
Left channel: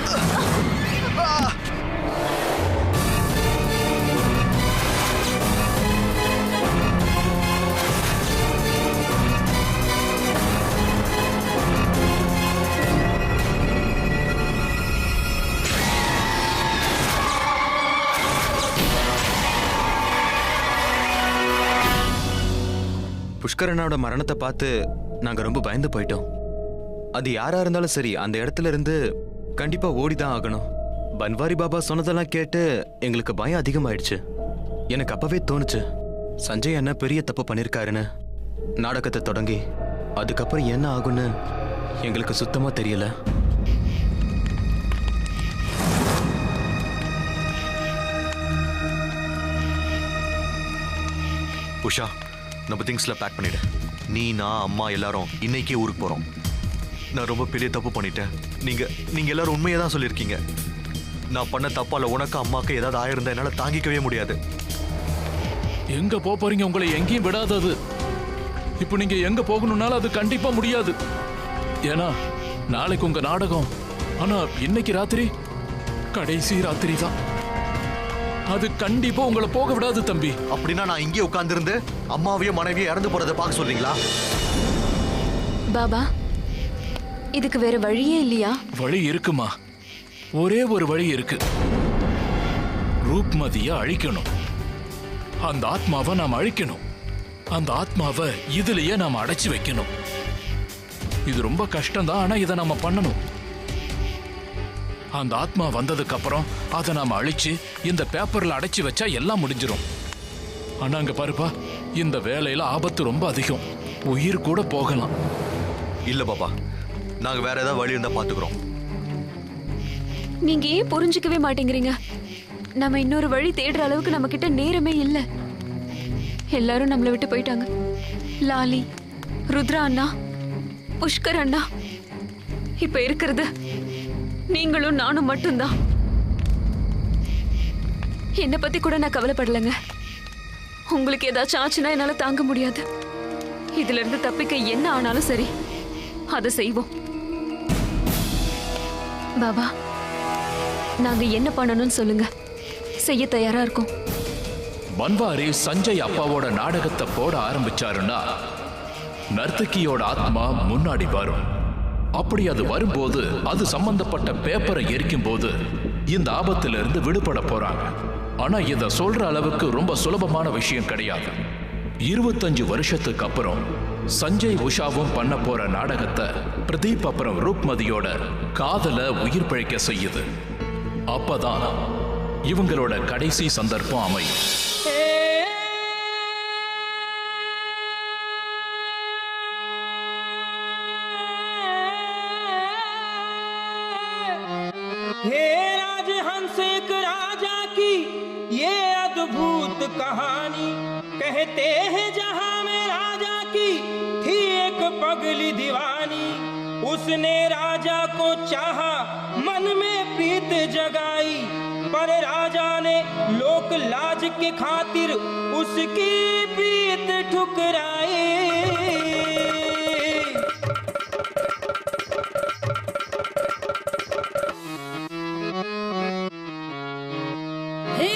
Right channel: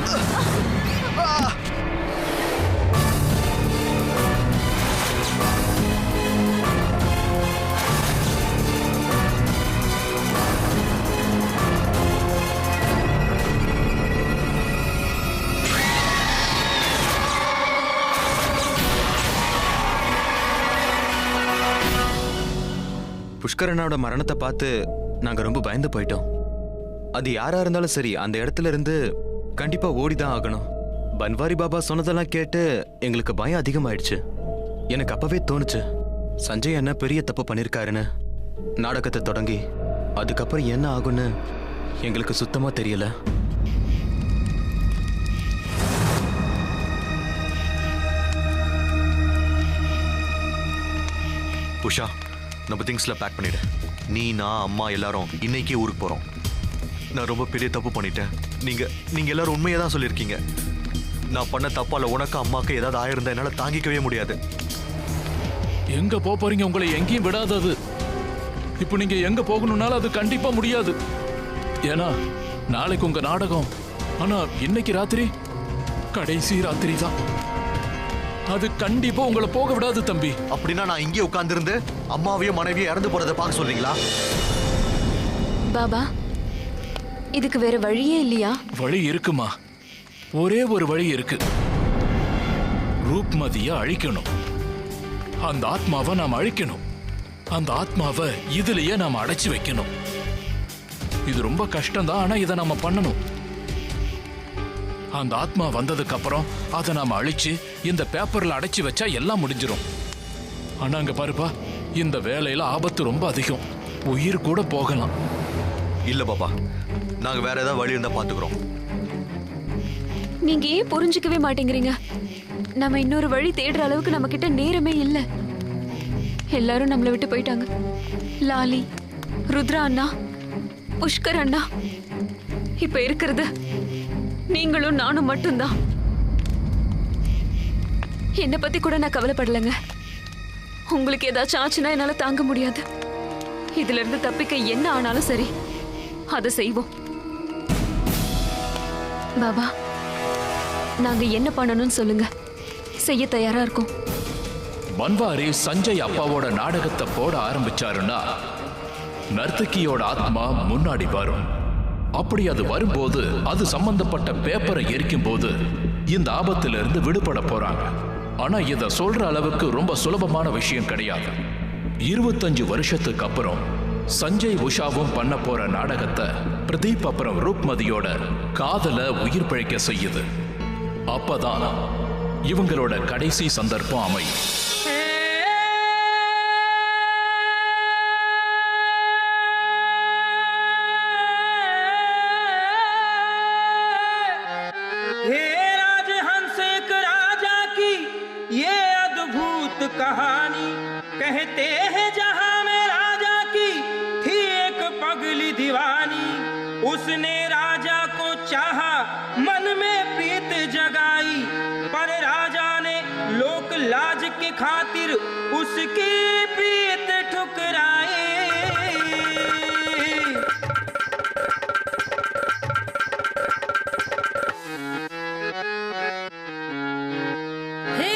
புஷ்கரனோட மரணத்தை பார்த்து நாங்க ரொம்ப பயந்து போயிட்டோம். அது யாரா இருந்தாலும் சரி அந்த இடத்துல இருந்து கண்டிப்பா ஓடிதான் ஆகணும். பன்வாரி பாபா சொன்னதெல்லாம் கேட்டு எங்களுக்கு பயம் அதிகமாயிடுச்சு. எனக்கு அப்பவே தோணுச்சு சஞ்சய் அண்ணா பெரிய தப்பு பண்ணிருக்காருன்னு. நாடகத்தை தொடங்கி அதுக்கப்புறம் என்ன ஆகும்னு எங்களுக்கு சுத்தமா தெரியல. உஷா, நம்ம திங்ஸ்ல பேக் பண்ணிடு. நீ, நான், அம்மா எல்லாரும் இன்னைக்கே ஊருக்கு போறோம். நான் ரொம்ப பெரிய தப்பு பண்ணிட்டேன். நீங்க எல்லாரும் உண்மையை தான் சொல்லியிருக்கீங்க. நான் பண்ண தப்பால உனக்கு அம்மாக்கு ஏதாவது ஆயிருந்தா என்னால தாங்கிக்கவே முடியாது. எங்க போறீங்க? உங்களை எங்கேயும் விடாதது. இப்போ நீங்க எங்க போகணும்னாலும் அது கண்டிப்பா முடியாது. ஏன்னா நாளைக்கு உங்க நாடகம். ஆனா இன்னைக்கு ராத்திரி கடைசி ராத்திரி தான். அது கண்டிப்பா உங்களை போக விடாது தம்பி. அப்படின்னா நான் இங்கே உட்கார்ந்திருந்து அம்மாவையும் மனைவியும் இறந்து போறதை பார்க்க சொல்றீங்களா? பாபா, இதுக்கு வேற வழியே இல்லையா? வழி இருக்குமா? ஒரே ஒரு வழி இருக்கு. ரூப்மதிய அழிக்கணும். அந்த ஆத்மாவை நாம் அழிக்கணும். அந்த ஆத்மாவை இதுலயே நாம அடைச்சு வைக்கணும். இது ரொம்ப கஷ்டம் தான், ஆனா இதை நாம பண்ணணும். அந்த ஆத்மா வந்ததுக்கு அப்புறம் அதை நாம அழிச்சு இந்த பேப்பர்ல அடைச்சு வச்சா எல்லாம் முடிஞ்சிடும். ஆனா அங்க பாருப்பா, இந்த வேலையில ஆபத்து ரொம்ப அதிகம். உயிர் கூட போகலாம். இல்ல பாப்பா, நாங்க வேற ஏதாவது வழி இருந்தா பாத்துக்கிறோம். நீங்க ஏன் புரிஞ்சுக்கவே மாட்டேங்கிறீங்க? நம்ம இன்னொரு வழி தேடுற அளவுக்கு நம்ம கிட்ட நேரமே இல்ல. எல்லாரும் நம்மளை விட்டு போயிட்டாங்க. லாலி, ருத்ரா அண்ணா, புஷ்கர் அண்ணா, இப்ப இருக்கிறது நீங்களும் நானும் மட்டும்தான். என்னை பத்தி கூட நான் கவலைப்படலைங்க. உங்களுக்கு ஏதாச்சும் ஆச்சுன்னா என்னால தாங்க முடியாது. இதுல இருந்து தப்பிக்க என்ன ஆனாலும் சரி, அதை செய்வோம். பாபா, நாங்க என்ன பண்ணணும்னு சொல்லுங்க, செய்ய தயாரா இருக்கோம். பன்வாரி சஞ்சய் அப்பாவோட நாடகத்தை போட ஆரம்பிச்சாருன்னா நர்த்தகியோட ஆத்மா முன்னாடி வரும். அப்படி அது வரும்போது அது சம்பந்தப்பட்ட பேப்பரை எரிக்கும் போது இந்த ஆபத்திலிருந்து விடுபட போறாங்க. ஆனா இத சொல்ற அளவுக்கு ரொம்ப சுலபமான விஷயம் கிடையாது. 25 வருஷத்துக்கு அப்புறம் சஞ்சய் உஷாவும் பண்ண போற நாடகத்தை பிரதீப் அப்புறம் ரூப்மதியோட காதல உயிர் பிழைக்க செய்யுது. அப்பதான் இவங்களோட கடைசி சந்தர்ப்பம் அமையும். हे राजहंस एक राजा की ये अद्भुत कहानी, कहते हैं जहां में राजा की थी एक पगली दीवानी। उसने राजा को चाहा, मन में प्रीत जगाई, पर राजा ने लोक लाज के खातिर उसकी प्रीत ठुकराई।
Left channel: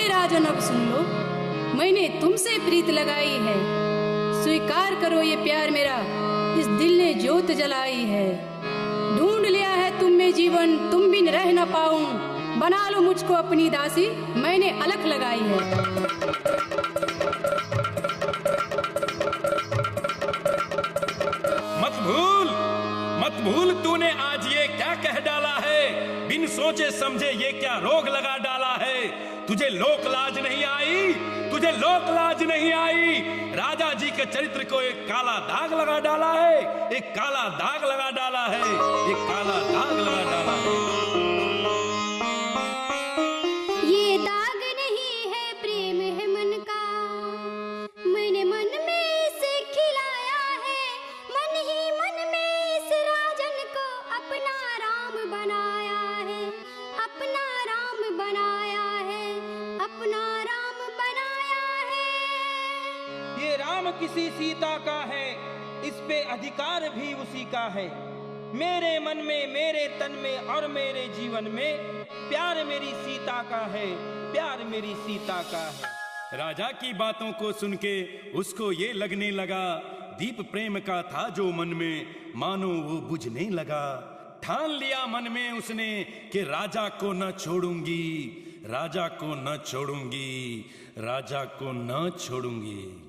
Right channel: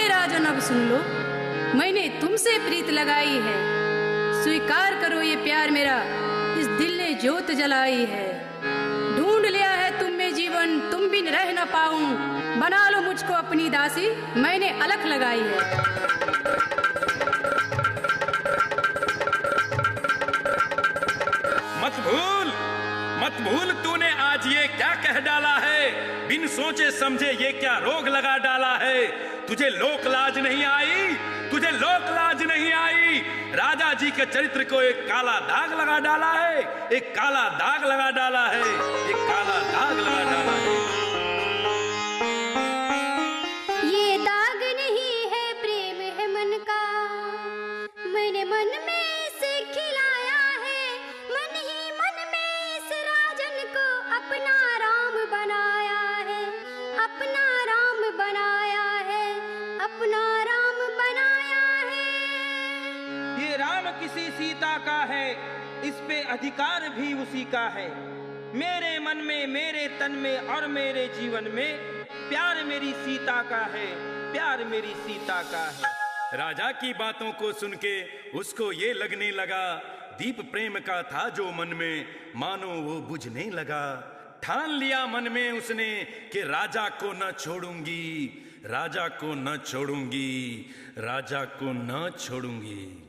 राजन, अब सुन लो, मैंने तुमसे प्रीत लगाई है, स्वीकार करो ये प्यार मेरा, इस दिल ने ज्योत जलाई है। ढूंढ लिया है तुम में जीवन, तुम बिन रह न पाऊं, बना लो मुझको अपनी दासी, मैंने अलख लगाई है। मत भूल तूने आज ये क्या कह डाला है, बिन सोचे समझे ये क्या रोग लगा डाला है। तुझे लोक लाज नहीं आई, तुझे लोक लाज नहीं आई। राजा जी के चरित्र को एक काला दाग लगा डाला है, एक काला दाग लगा डाला है, एक काला दाग लगा डाला है। ये दाग नहीं है, प्रेम है मन का, मैंने मन में इसे खिलाया है, मन ही मन में इस राजन को अपना राम बनाया है, अपना राम बनाया है, अपना राम बनाया है। ये राम किसी सीता का है, इस पे अधिकार भी उसी का है। मेरे मन में, मेरे तन में और मेरे जीवन में प्यार मेरी सीता का है, प्यार मेरी सीता का है। राजा की बातों को सुन के उसको ये लगने लगा दीप प्रेम का था जो मन में, मानो वो बुझने लगा। ठान लिया मन में उसने कि राजा को न छोड़ूंगी, राजा को न छोड़ूंगी, राजा को न छोड़ूंगी।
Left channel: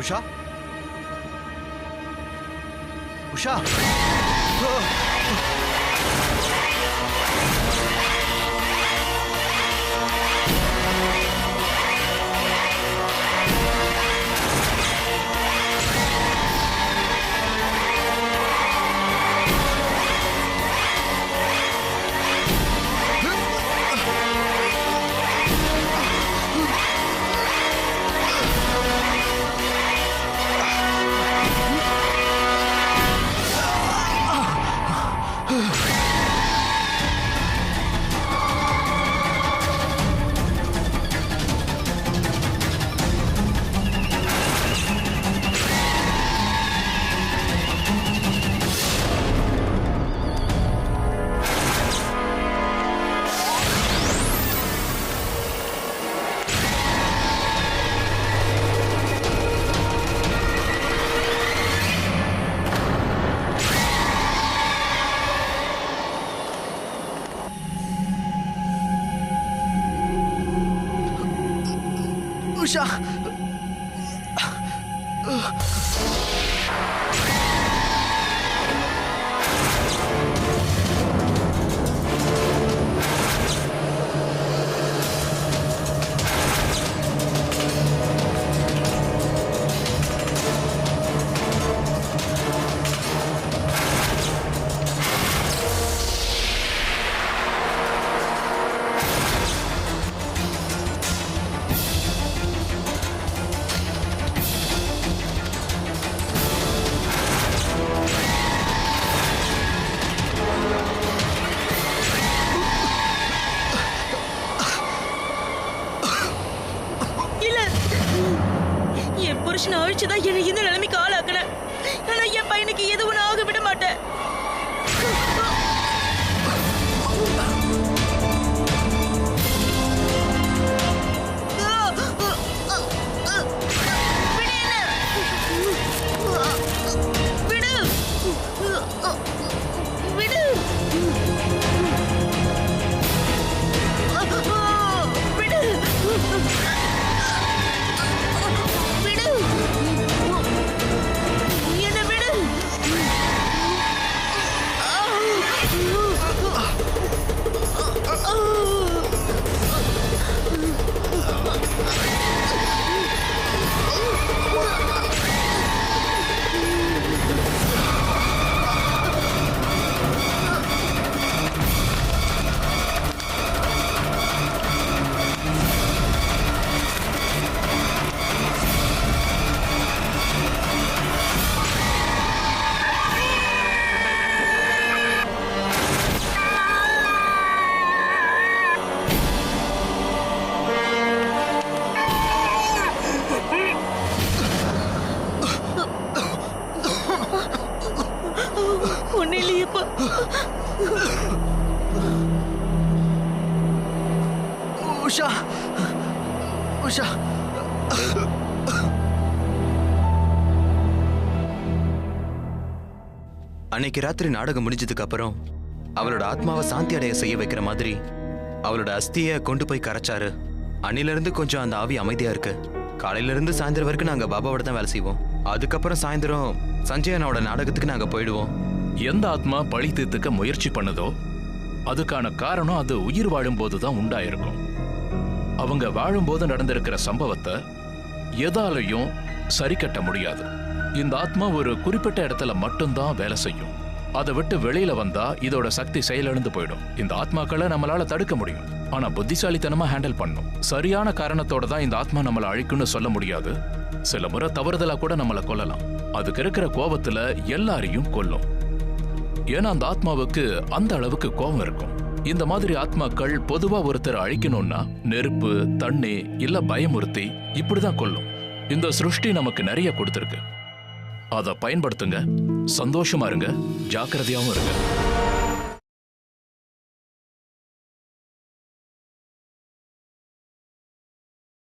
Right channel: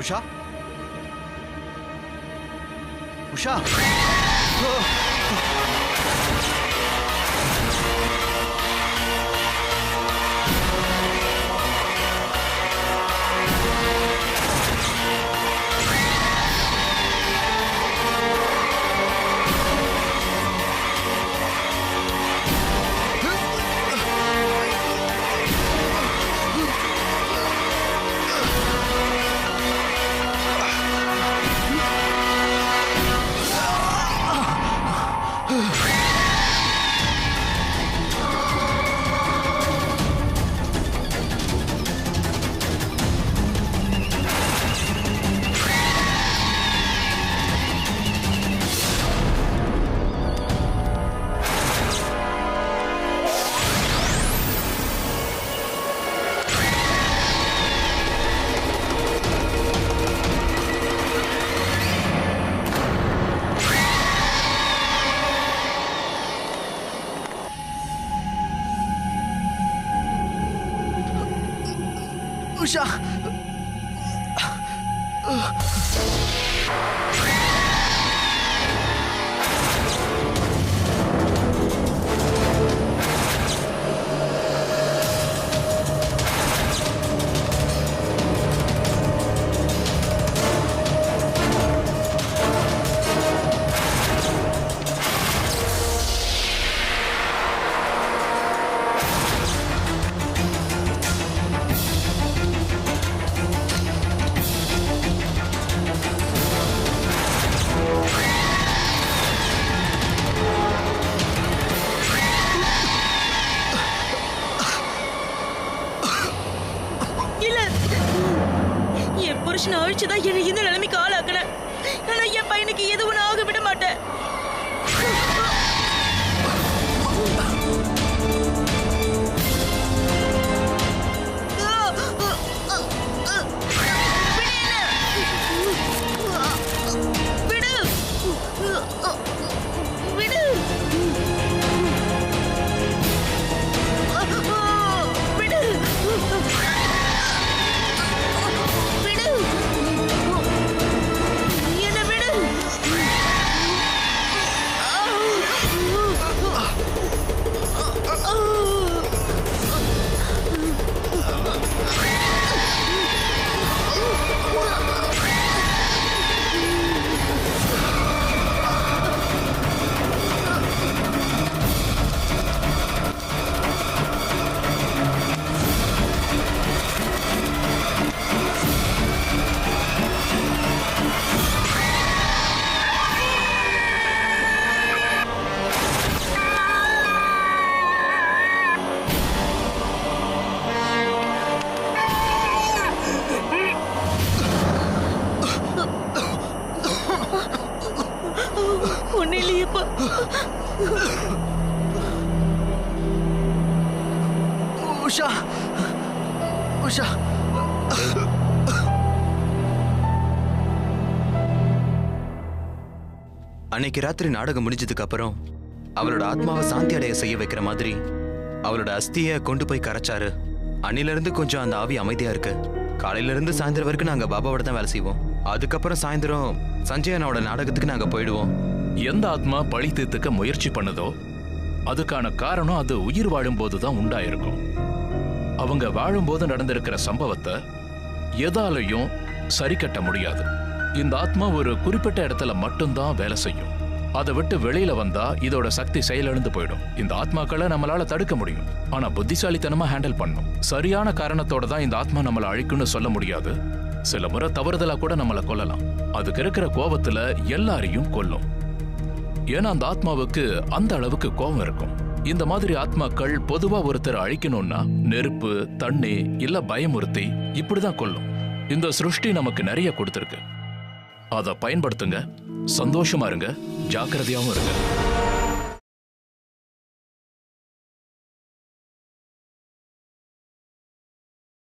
उषा, उषा, उषा, புருஷனை அழிச்சுதான் என்னை இந்த நிலைமைக்கு ஆளாக்குன. ஆனா என் பையனுக்கு எதுவும் ஆக விட மாட்டேன். उषा, उषा, அன்னைக்கு ராத்திரி நாடகம் முடிஞ்சதுக்கு அப்புறம் அவளோட ஆத்மாவை சாந்தி அடைய செய்ய வைக்கிற மாதிரி அவளோட அஸ்தியை கொண்டு போய் கரைச்சாரு. அன்னில இருந்து கொஞ்சம் அந்த ஆவி அமைதியா இருக்கு. காலையில இருந்து சாயந்தரம் வரைக்கும் நாங்க பாபாவோட தான் வேலை செய்வோம். அதுக்கப்புறம் சாயந்தரம் சஞ்சய் அண்ணாவோட நாடகத்துக்கு நாங்க போயிடுவோம். எந்த ஆத்மா பழி தீர்த்துக்க முயற்சி பண்ணதோ அதுக்கான காரணம் அது உயிர் வாழும்போது தான் உண்டாயிருக்கும். அவங்க வாழும்போது நடந்திருக்கிற சம்பவத்தை எதாலையும் சரி கட்ட முடியாது. இந்த ஆத்மா ஒரு குறிப்பிட்ட இடத்துல மட்டும்தான் வேலை செய்யும். அதை விட்டு வெளியில வந்தா இதோட சக்தி செயலிழந்து போயிடும். இந்த ஆத்மாக்களை நம்மளால தடுக்க முடியும், ஆனா புத்திசாலித்தனமா ஹேண்டில் பண்ணும். சரியான காரணத்தோட தான் இந்த ஆத்மா நம்மளை அழிக்கும்னு சொல்ல முடியாது. சில முறை தவறுதலா கூட நம்மளை கொல்லலாம். அதுக்கு இருக்கிற கோபத்துல எல்லாரையும் கொல்லும். ஏன்னா அந்த ஆத்மாவுக்கு அந்த அளவுக்கு கோபம் இருக்கும். இந்த மாதிரி ஆத்மாக்கள் பொதுவா ஒருத்தர் அழிக்கணும்னா நெருப்பு, தண்ணி இல்ல பயமுறுத்தி இப்படிதான் கொல்லும். இந்த சிருஷ்டி நமக்கு நிறைய கொடுத்திருக்கு. அதை பயன்படுத்துங்க, சந்தோஷமா இருங்க, ஜாக்கிரதையாவும் இருங்க.